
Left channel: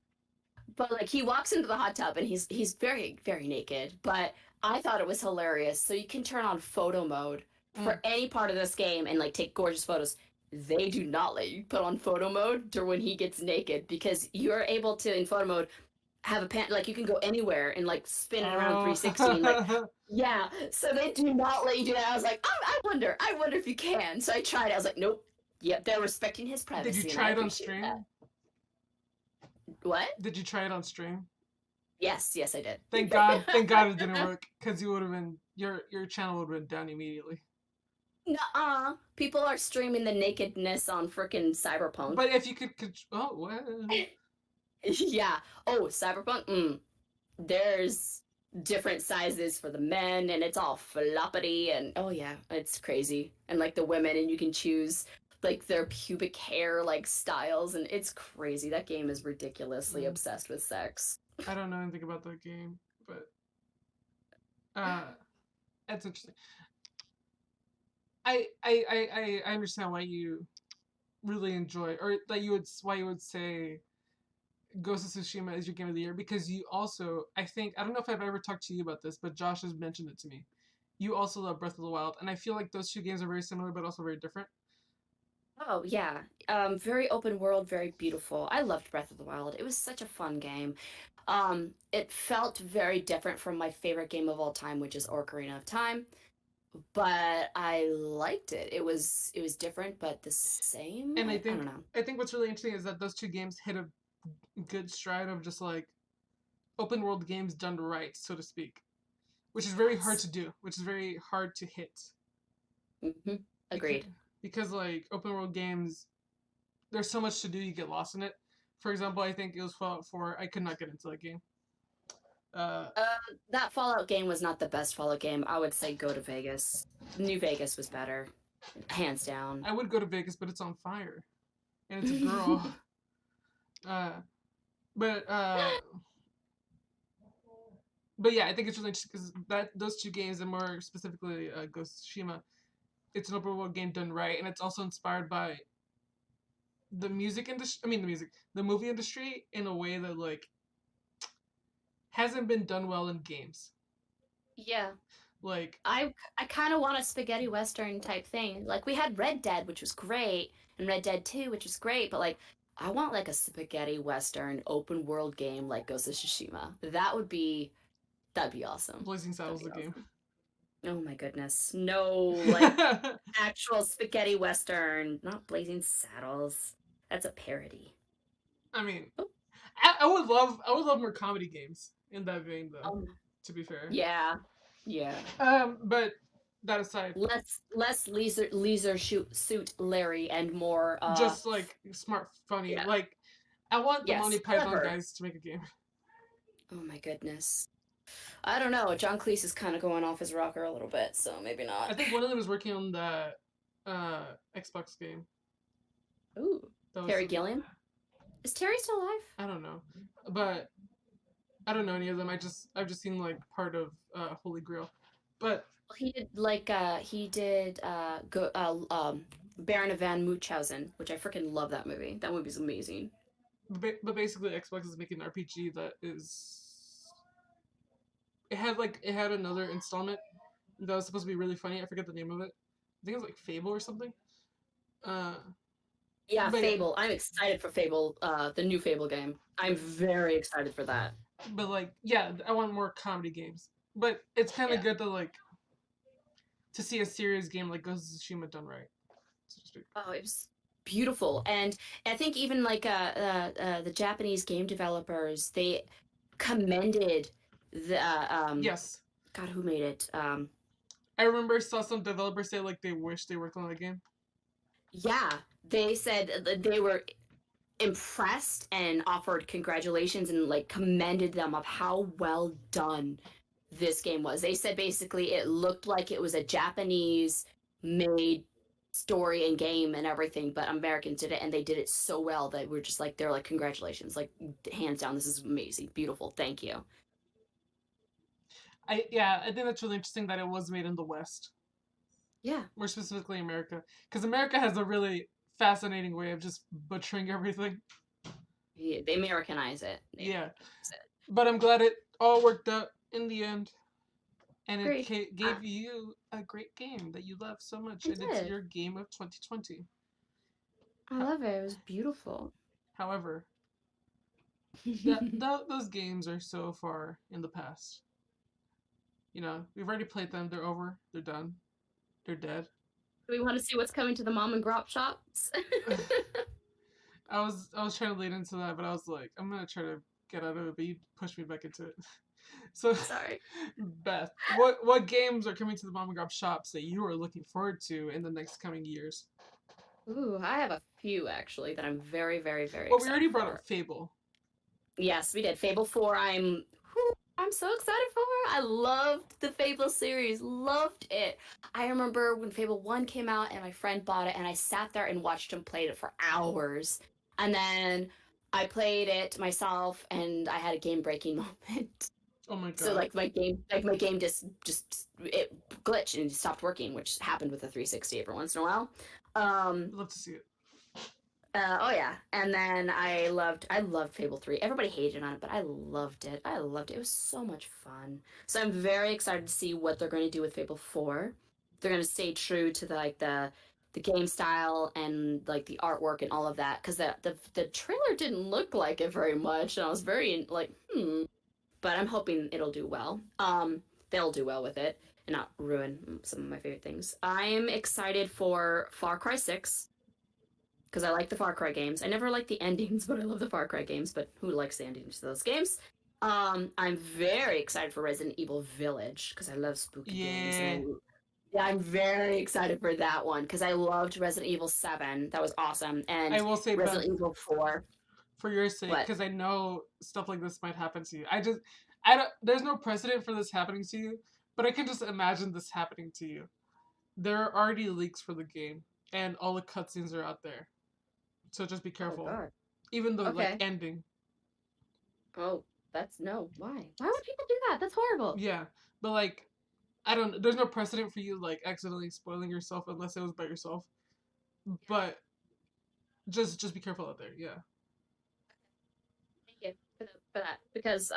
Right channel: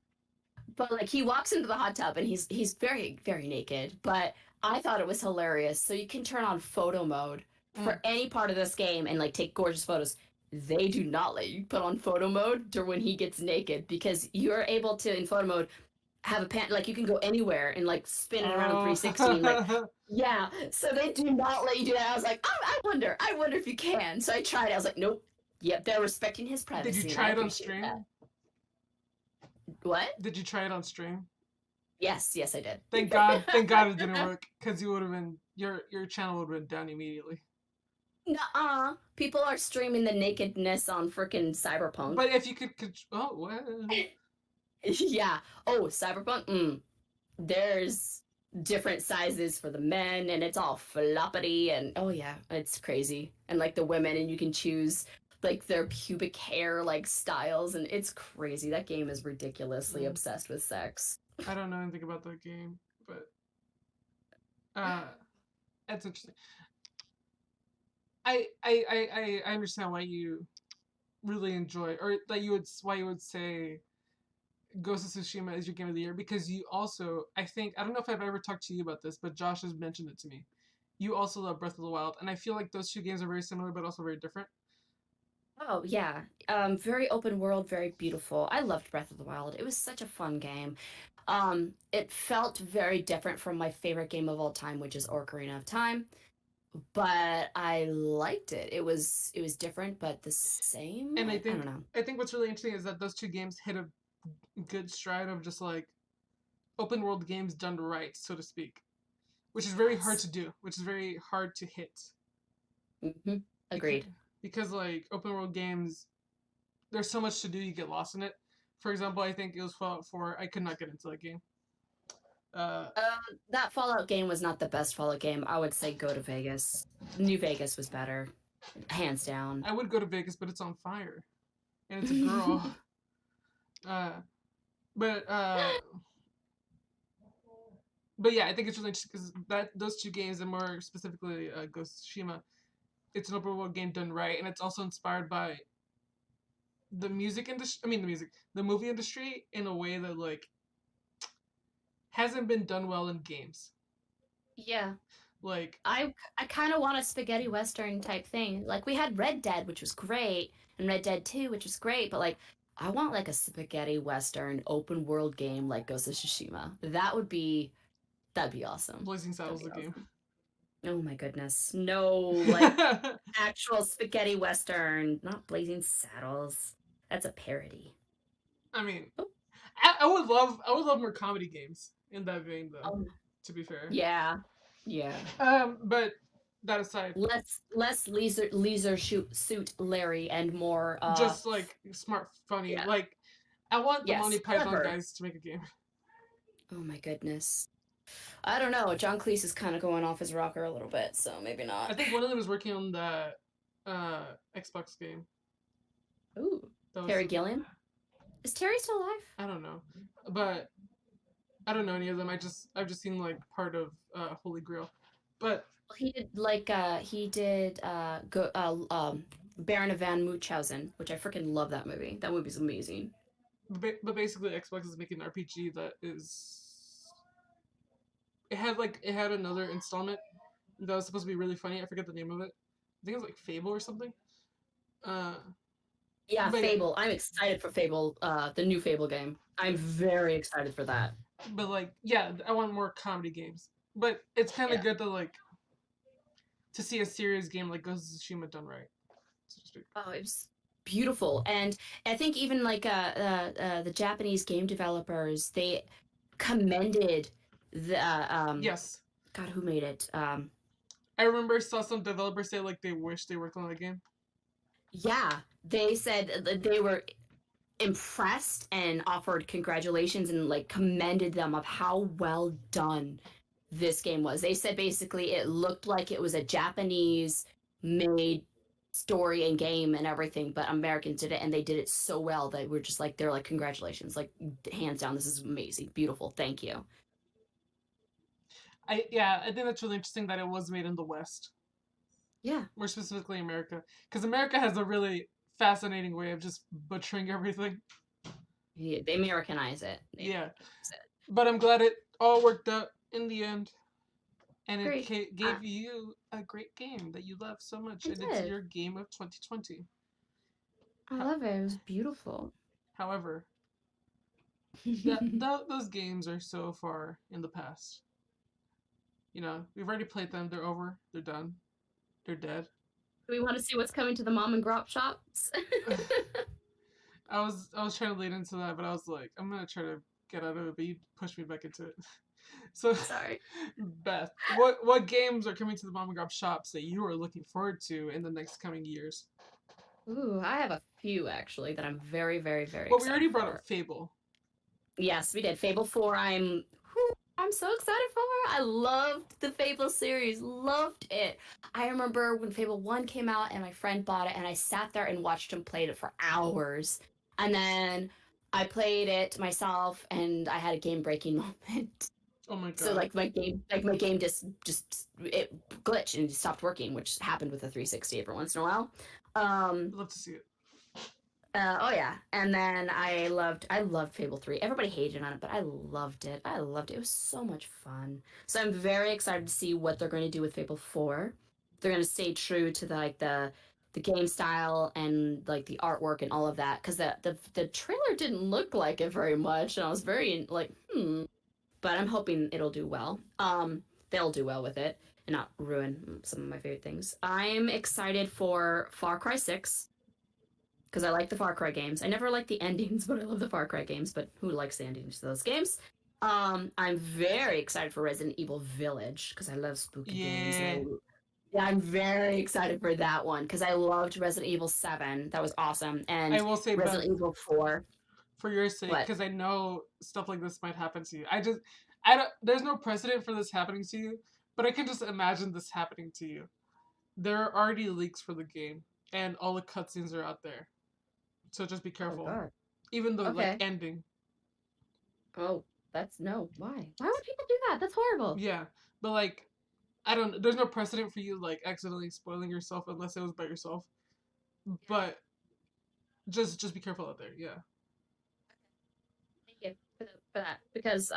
but like he walks into the hot tub and he's very very naked, but I thought it was hilarious. So you can turn on photo mode Mm. for any part of this game and like take gorgeous photos. They do not let you put on photo mode to when he gets naked because you're able to in photo mode have a pan like you can go anywhere and like spin it around Oh, 360 and like yeah. So they do not let you do that. I was like, oh, I wonder if you can. So I tried it. I was like, nope. Yep, they're respecting his did you privacy and I try it on appreciate that. stream? What? Did you try it on stream? Yes, yes, I did. Thank God it didn't work, because you would have been your channel would have been down immediately. Nuh-uh. People are streaming the nakedness on freaking Cyberpunk. But if you could, oh well, Yeah. Oh, Cyberpunk? There's different sizes for the men, and it's all floppity, and oh yeah, it's crazy. And like the women, and you can choose like their pubic hair like styles, and it's crazy. That game is ridiculously mm, obsessed with sex. I don't know anything about that game, but uh, it's interesting. I understand why you really enjoy, or that you would why you would say Ghost of Tsushima is your game of the year, because you also, I think, I don't know if I've ever talked to you about this, but Josh has mentioned it to me. You also love Breath of the Wild, and I feel like those two games are very similar but also very different. Oh yeah, very open world, very beautiful. I loved Breath of the Wild. It was such a fun game. It felt very different from my favorite game of all time, which is Ocarina of Time, but I liked it. It was different, but the same. And I don't know. I think what's really interesting is that those two games hit a good stride of just like open world games done right, so to speak, which is very hard Yes. to do, which is very hard to hit, because Agreed. like open world games, there's so much to do, you get lost in it. For example, I think it was Fallout 4. I could not get into that game. Uh, That Fallout game was not the best Fallout game. I would say go to Vegas. New Vegas was better, hands down. I would go to Vegas, but it's on fire, and it's a girl. Uh, but uh, but yeah, I think it's really interesting because that those two games, and more specifically Ghost of Tsushima, it's an open world game done right, and it's also inspired by the music industry. I mean, the movie industry, in a way that like hasn't been done well in games. Yeah. Like, I kind of want a spaghetti western type thing. Like we had Red Dead, which was great, and Red Dead 2, which was great, but like I want like a spaghetti western open world game like Ghost of Tsushima. That'd be awesome. Blazing That'd Saddles be the game. awesome. Oh my goodness. No, like actual spaghetti western, not Blazing Saddles. That's a parody. I mean, Oh, I would love more comedy games in that vein, though. um, To be fair. yeah. Yeah. But that aside, Less leisure shoot suit Larry and more just like smart, funny. yeah. Like, I want the Monty Yes, Python clever. guys to make a game. Oh my goodness. I don't know. John Cleese is kind of going off his rocker a little bit, so maybe I not. think one of them is working on the Xbox game. Ooh. That was Terry Gilliam? Is Terry still alive? I don't know, but I don't know any of them. I've just seen like part of Holy Grail, but He did Baron of Van Munchausen, which I freaking love that movie. That movie's amazing. but basically Xbox is making an RPG that is it had another installment that was supposed to be really funny. I forget the name of it. I think it was like Fable or something. Uh, Yeah, but yeah, Fable. I'm excited for Fable, the new Fable game. I'm very excited for that. but like yeah, I want more comedy games. But it's kind of Yeah. good to like to see a serious game like Ghost of Tsushima done right, so to speak. Oh, it was beautiful. And I think even like the Japanese game developers, they commended the Yes, God, who made it? I remember saw some developers say like they wish they worked on the game. Yeah, they said that they were impressed and offered congratulations and like commended them of how well done this game was. They said basically it looked like it was a Japanese made story and game and everything, but Americans did it and they did it so well that we're just like they're like congratulations, like hands down, this is amazing, beautiful, thank you. I think that's really interesting that it was made in the West, Yeah, more specifically America, because America has a really fascinating way of just butchering everything. yeah, they Americanize it. They Yeah, Americanize it. but I'm glad it all worked out in the end, and it Agreed. gave you a great game that you love so much, I and it's did. your game of 2020. I love it. It was beautiful. However, those games are so far in the past. You know, we've already played them. They're over. They're done. They're dead. Do we want to see what's coming to the mom and grop shops? I was trying to lead into that, but I was like, I'm gonna try to get out of it, but you pushed me back into it. So, Sorry. Beth, what games are coming to the mom and grab shops that you are looking forward to in the next coming years? Ooh, I have a few actually that I'm very, very, very Well, we already excited brought up for. Fable. Yes, we did. Fable 4, I'm so excited for. I loved the Fable series. Loved it. I remember when Fable 1 came out and my friend bought it and I sat there and watched him play it for hours. And then I played it myself and I had a game breaking moment. Oh my So god, my game just it glitched and stopped working, which happened with the 360 every once in a while. I'd love to see it. Oh yeah, and then I loved Fable 3. Everybody hated on it, but I loved it. I loved it. It was so much fun. So I'm very excited to see what they're going to do with Fable 4. They're going to stay true to the game style and like the artwork and all of that because the trailer didn't look like it very much, and I was very like but I'm hoping it'll do well. They'll do well with it and not ruin some of my favorite things. I'm excited for Far Cry 6 because I like the Far Cry games. I never like the endings, but I love the Far Cry games. But who likes the endings to those games? I'm very excited for Resident Evil Village because I love spooky games. Yeah, Yeah, I'm very excited for that one because I loved Resident Evil 7. That was awesome. I And will say, Beth, Resident Evil 4. for your sake, What? because I know stuff like this might happen to you. I don't. There's no precedent for this happening to you, but I can just imagine this happening to you. There are already leaks for the game, and all the cutscenes are out there. So just be Oh, careful. God. Even the like Okay. ending. Oh, that's no. Why? Why would people do that? That's horrible. Yeah. But like I don't there's no precedent for you like accidentally spoiling yourself unless it was by yourself. But just be careful out there. Yeah. Thank you for that because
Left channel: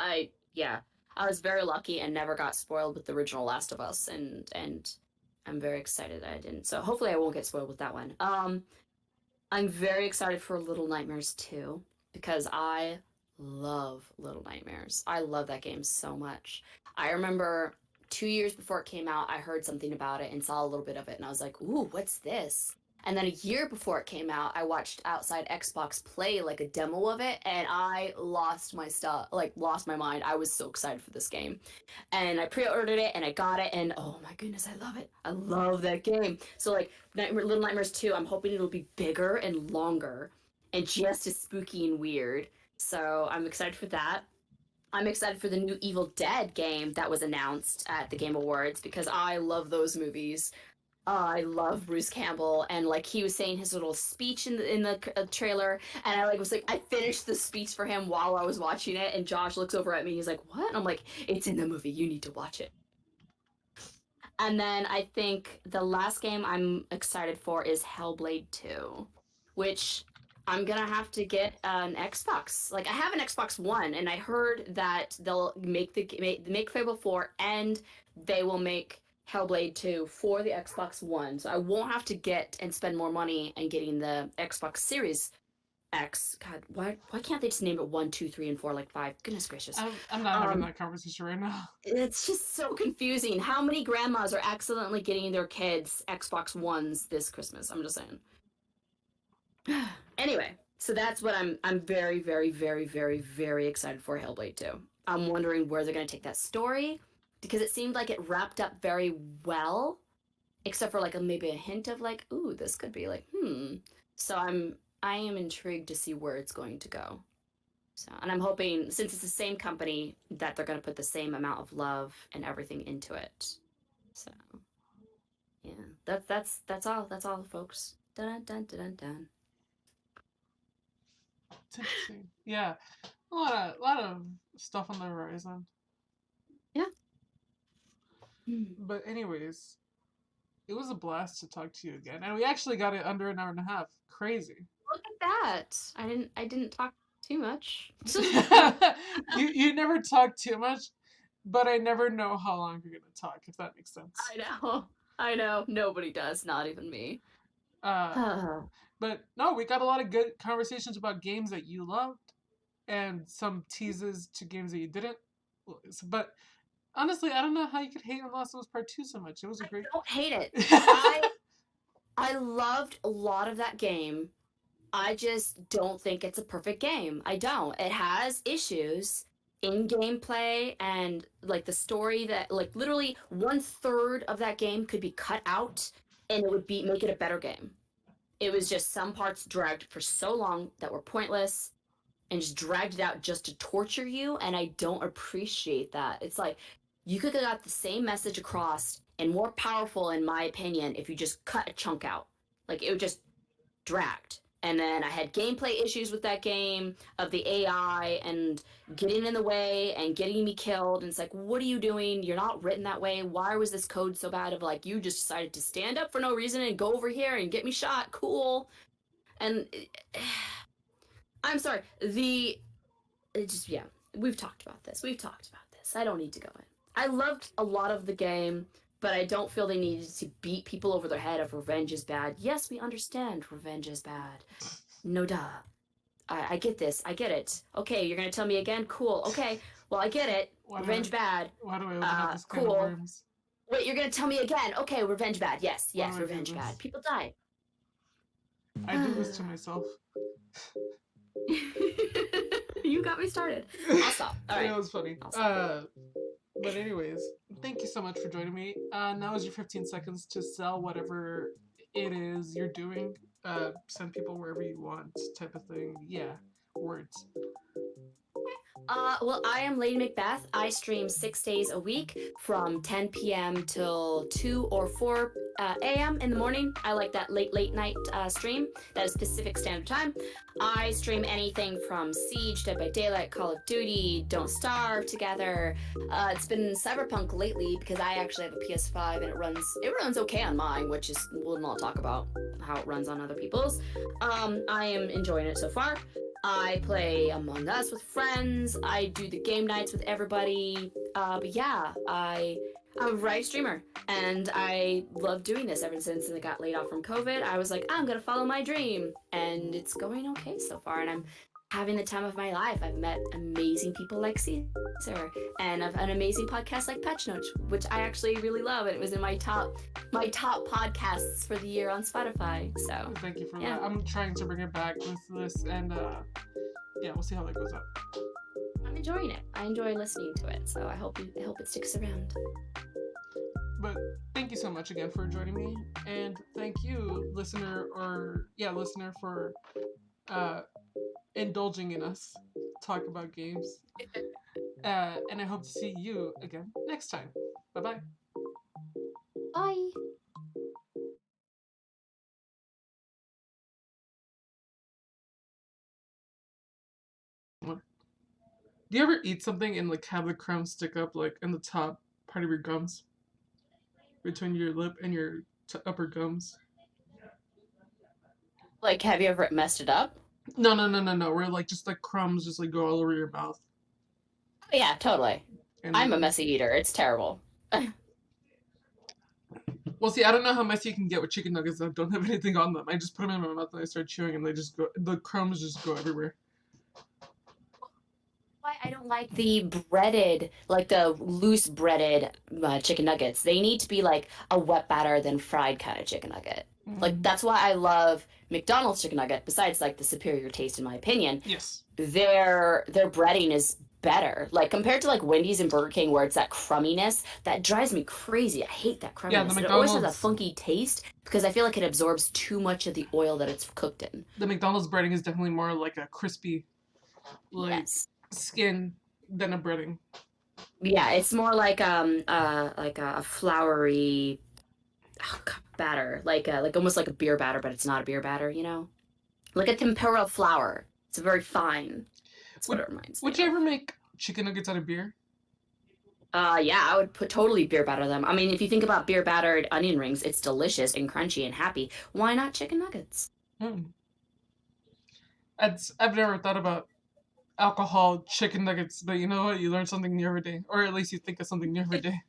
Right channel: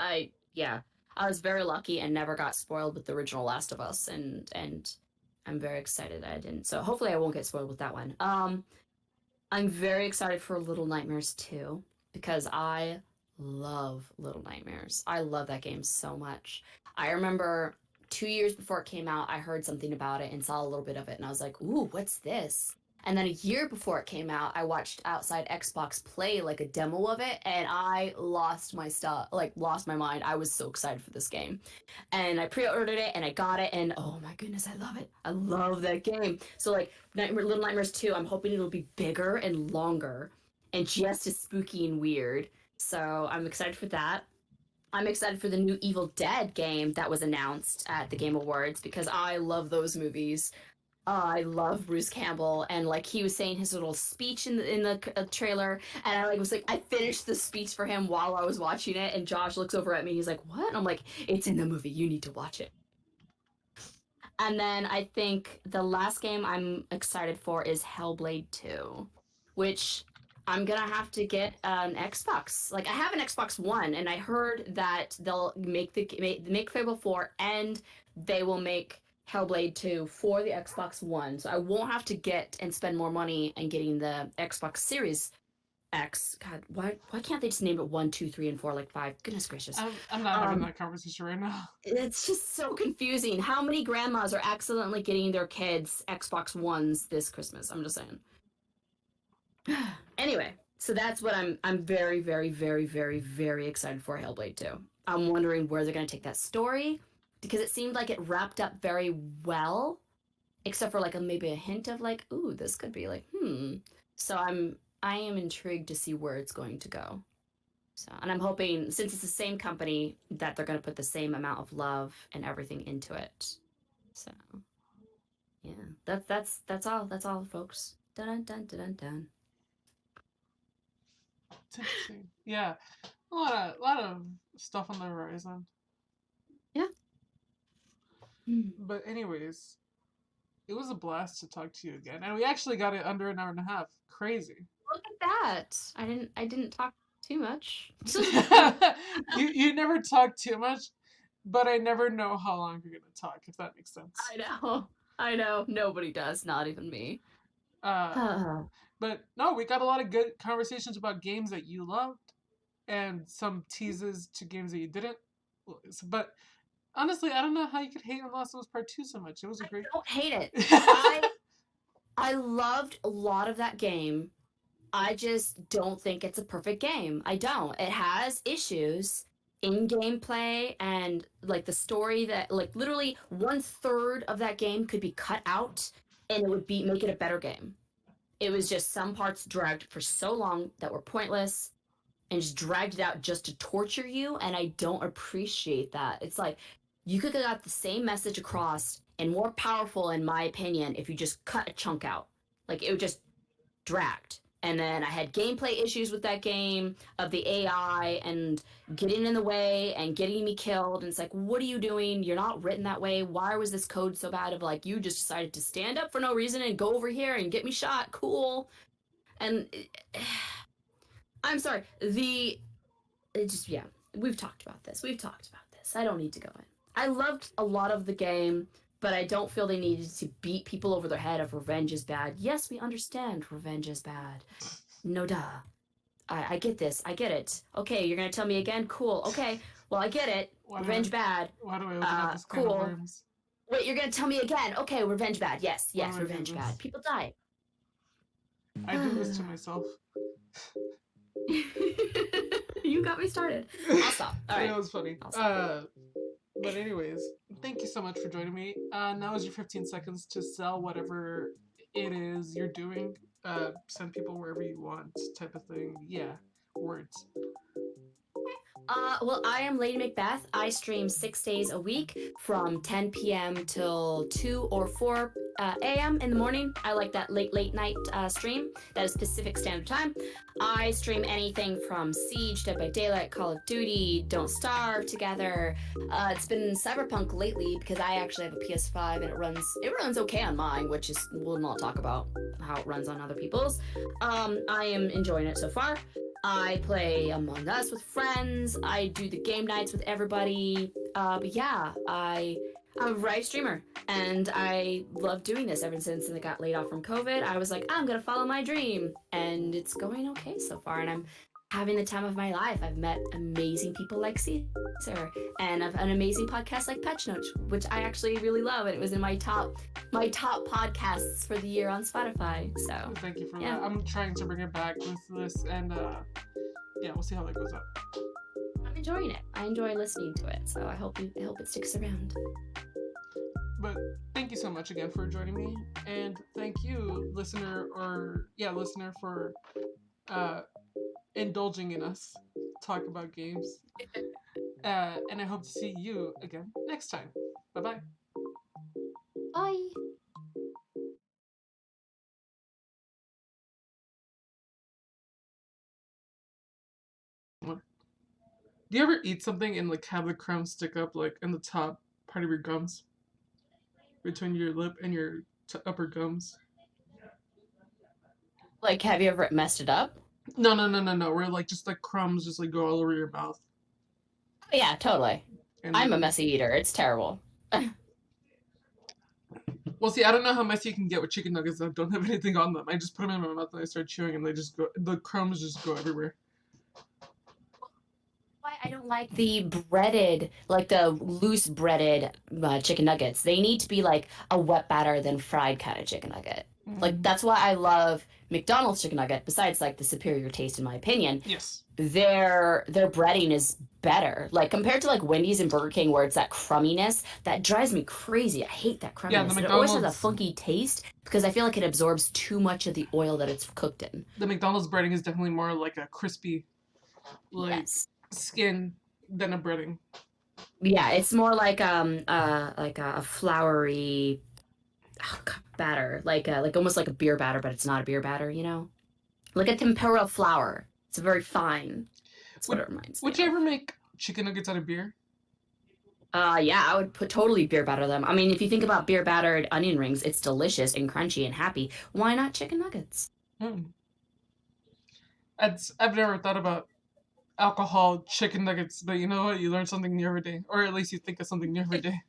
yeah, I was very lucky and never got spoiled with the original Last of Us, and I'm very excited that I didn't. So hopefully I won't get spoiled with that one. I'm very excited for Little Nightmares 2 because I love Little Nightmares. I love that game so much. I remember 2 years before it came out, I heard something about it and saw a little bit of it, and I was like, ooh, what's this? And then a year before it came out, I watched Outside Xbox play like a demo of it, and I lost my stuff, like lost my mind. I was so excited for this game. And I pre-ordered it and I got it, and oh my goodness, I love it. I love that game. So like Little Nightmares 2, I'm hoping it'll be bigger and longer and just as spooky and weird. So I'm excited for that. I'm excited for the new Evil Dead game that was announced at the Game Awards because I love those movies. I love Bruce Campbell, and like he was saying his little speech in the trailer, and I like was like I finished the speech for him while I was watching it, and Josh looks over at me, he's like, "What?" And I'm like, "It's in the movie. You need to watch it." And then I think the last game I'm excited for is Hellblade 2, which I'm gonna have to get an Xbox. Like I have an Xbox One, and I heard that they'll make Fable 4, and they will make Hellblade 2 for the Xbox One. So I won't have to get and spend more money and getting the Xbox Series X. God, why can't they just name it 1, 2, 3, and 4 like 5? Goodness gracious. I'm not having that conversation right now. It's just so confusing. How many grandmas are accidentally getting their kids Xbox Ones this Christmas? I'm just saying. Anyway, so that's what I'm very, very, very, very, very excited for Hellblade 2. I'm wondering where they're going to take that story because it seemed like it wrapped up very well, except for like maybe a hint of like, ooh, this could be like, So I am intrigued to see where it's going to go. So, and I'm hoping, since it's the same company, that they're going to put the same amount of love and everything into it. So, yeah, that's all, folks. Dun dun dun dun dun. It's interesting. Yeah, a lot of stuff on the horizon. Yeah. But anyways, it was a blast to talk to you again, and we actually got it under an hour and a half. Crazy. Look at that! I didn't talk too much. you never talk too much, but I never know how long you're gonna talk, if that makes sense. I know. Nobody does, not even me. But no, we got a lot of good conversations about games that you loved, and some teases to games that you didn't. But honestly, I don't know how you could hate on Last of Us Part 2 so much. It was a great. I don't hate it. I loved a lot of that game. I just don't think it's a perfect game. I don't. It has issues in gameplay and like the story that like literally 1/3 of that game could be cut out and it would make it a better game. It was just some parts dragged for so long that were pointless and just dragged it out just to torture you, and I don't appreciate that. It's like you could have got the same message across and more powerful in my opinion if you just cut a chunk out. Like it would just dragged. And then I had gameplay issues with that game of the AI and getting in the way and getting me killed. And it's like, what are you doing? You're not written that way. Why was this code so bad? Of like, you just decided to stand up for no reason and go over here and get me shot. Cool. And I'm sorry. We've talked about this. I don't need to go in. I loved a lot of the game, but I don't feel they needed to beat people over their head of revenge is bad. Yes, we understand revenge is bad. No duh. I get this. I get it. Okay, you're going to tell me again? Cool. Okay, well, I get it. Revenge bad. Why do I open up this can of worms? Wait, you're going to tell me again? Okay, revenge bad. Yes, revenge bad. People die. I do this to myself. You got me started. I'll stop. All right. It was funny. But anyways, thank you so much for joining me. Now is your 15 seconds to sell whatever it is you're doing. Send people wherever you want, type of thing. Yeah, words. Well, I am Lady MacBehth. I stream 6 days a week from 10 p.m. till 2 or 4 a.m. in the morning. I like that late night stream. That is Pacific Standard Time. I stream anything from Siege, Dead by Daylight, Call of Duty, Don't Starve Together. It's been Cyberpunk lately because I actually have a PS5 and it runs okay on mine, which is we'll not talk about how it runs on other people's. I am enjoying it so far. I play Among Us with friends. I do the game nights with everybody. But yeah, I I'm a variety streamer, and I love doing this ever since I got laid off from COVID. I was like, I'm gonna follow my dream, and it's going okay so far, and I'm having the time of my life. I've met amazing people like Cesar, and I've an amazing podcast like Patch Notes, which I actually really love, and it was in my top podcasts for the year on Spotify. So Thank you for that. I'm trying to bring it back with this, and yeah, we'll see how that goes up. I'm enjoying it. I enjoy listening to it, so I hope it sticks around. But thank you so much again for joining me, and thank you, listener, for indulging in us talk about games. And I hope to see you again next time. Bye-bye. Bye. Do you ever eat something and like have the crumbs stick up like in the top part of your gums? Between your lip and your upper gums? Like, have you ever messed it up? No. Where like just like crumbs just like go all over your mouth. Oh, yeah, totally. And I'm a messy eater. It's terrible. Well, see, I don't know how messy you can get with chicken nuggets that don't have anything on them. I just put them in my mouth and I start chewing and the crumbs just go everywhere. Why I don't like the breaded, like the loose breaded chicken nuggets. They need to be like a wet batter than fried kind of chicken nugget. Like that's why I love McDonald's chicken nugget. Besides, like the superior taste, in my opinion. Yes. Their breading is better. Like compared to like Wendy's and Burger King, where it's that crumminess that drives me crazy. I hate that crumminess. Yeah, the McDonald's, it always has a funky taste because I feel like it absorbs too much of the oil that it's cooked in. The McDonald's breading is definitely more like a crispy, like skin than a breading. Yeah, it's more like a floury batter, like almost like a beer batter, but it's not a beer batter, you know, like a tempura flour. It's very fine. That's what it reminds me. Would you ever make chicken nuggets out of beer? Yeah, I would totally beer batter them. I mean, if you think about beer battered onion rings, it's delicious and crunchy and happy. Why not chicken nuggets? I've never thought about alcohol chicken nuggets, but you know what? You learn something new every day, or at least you think of something new every day.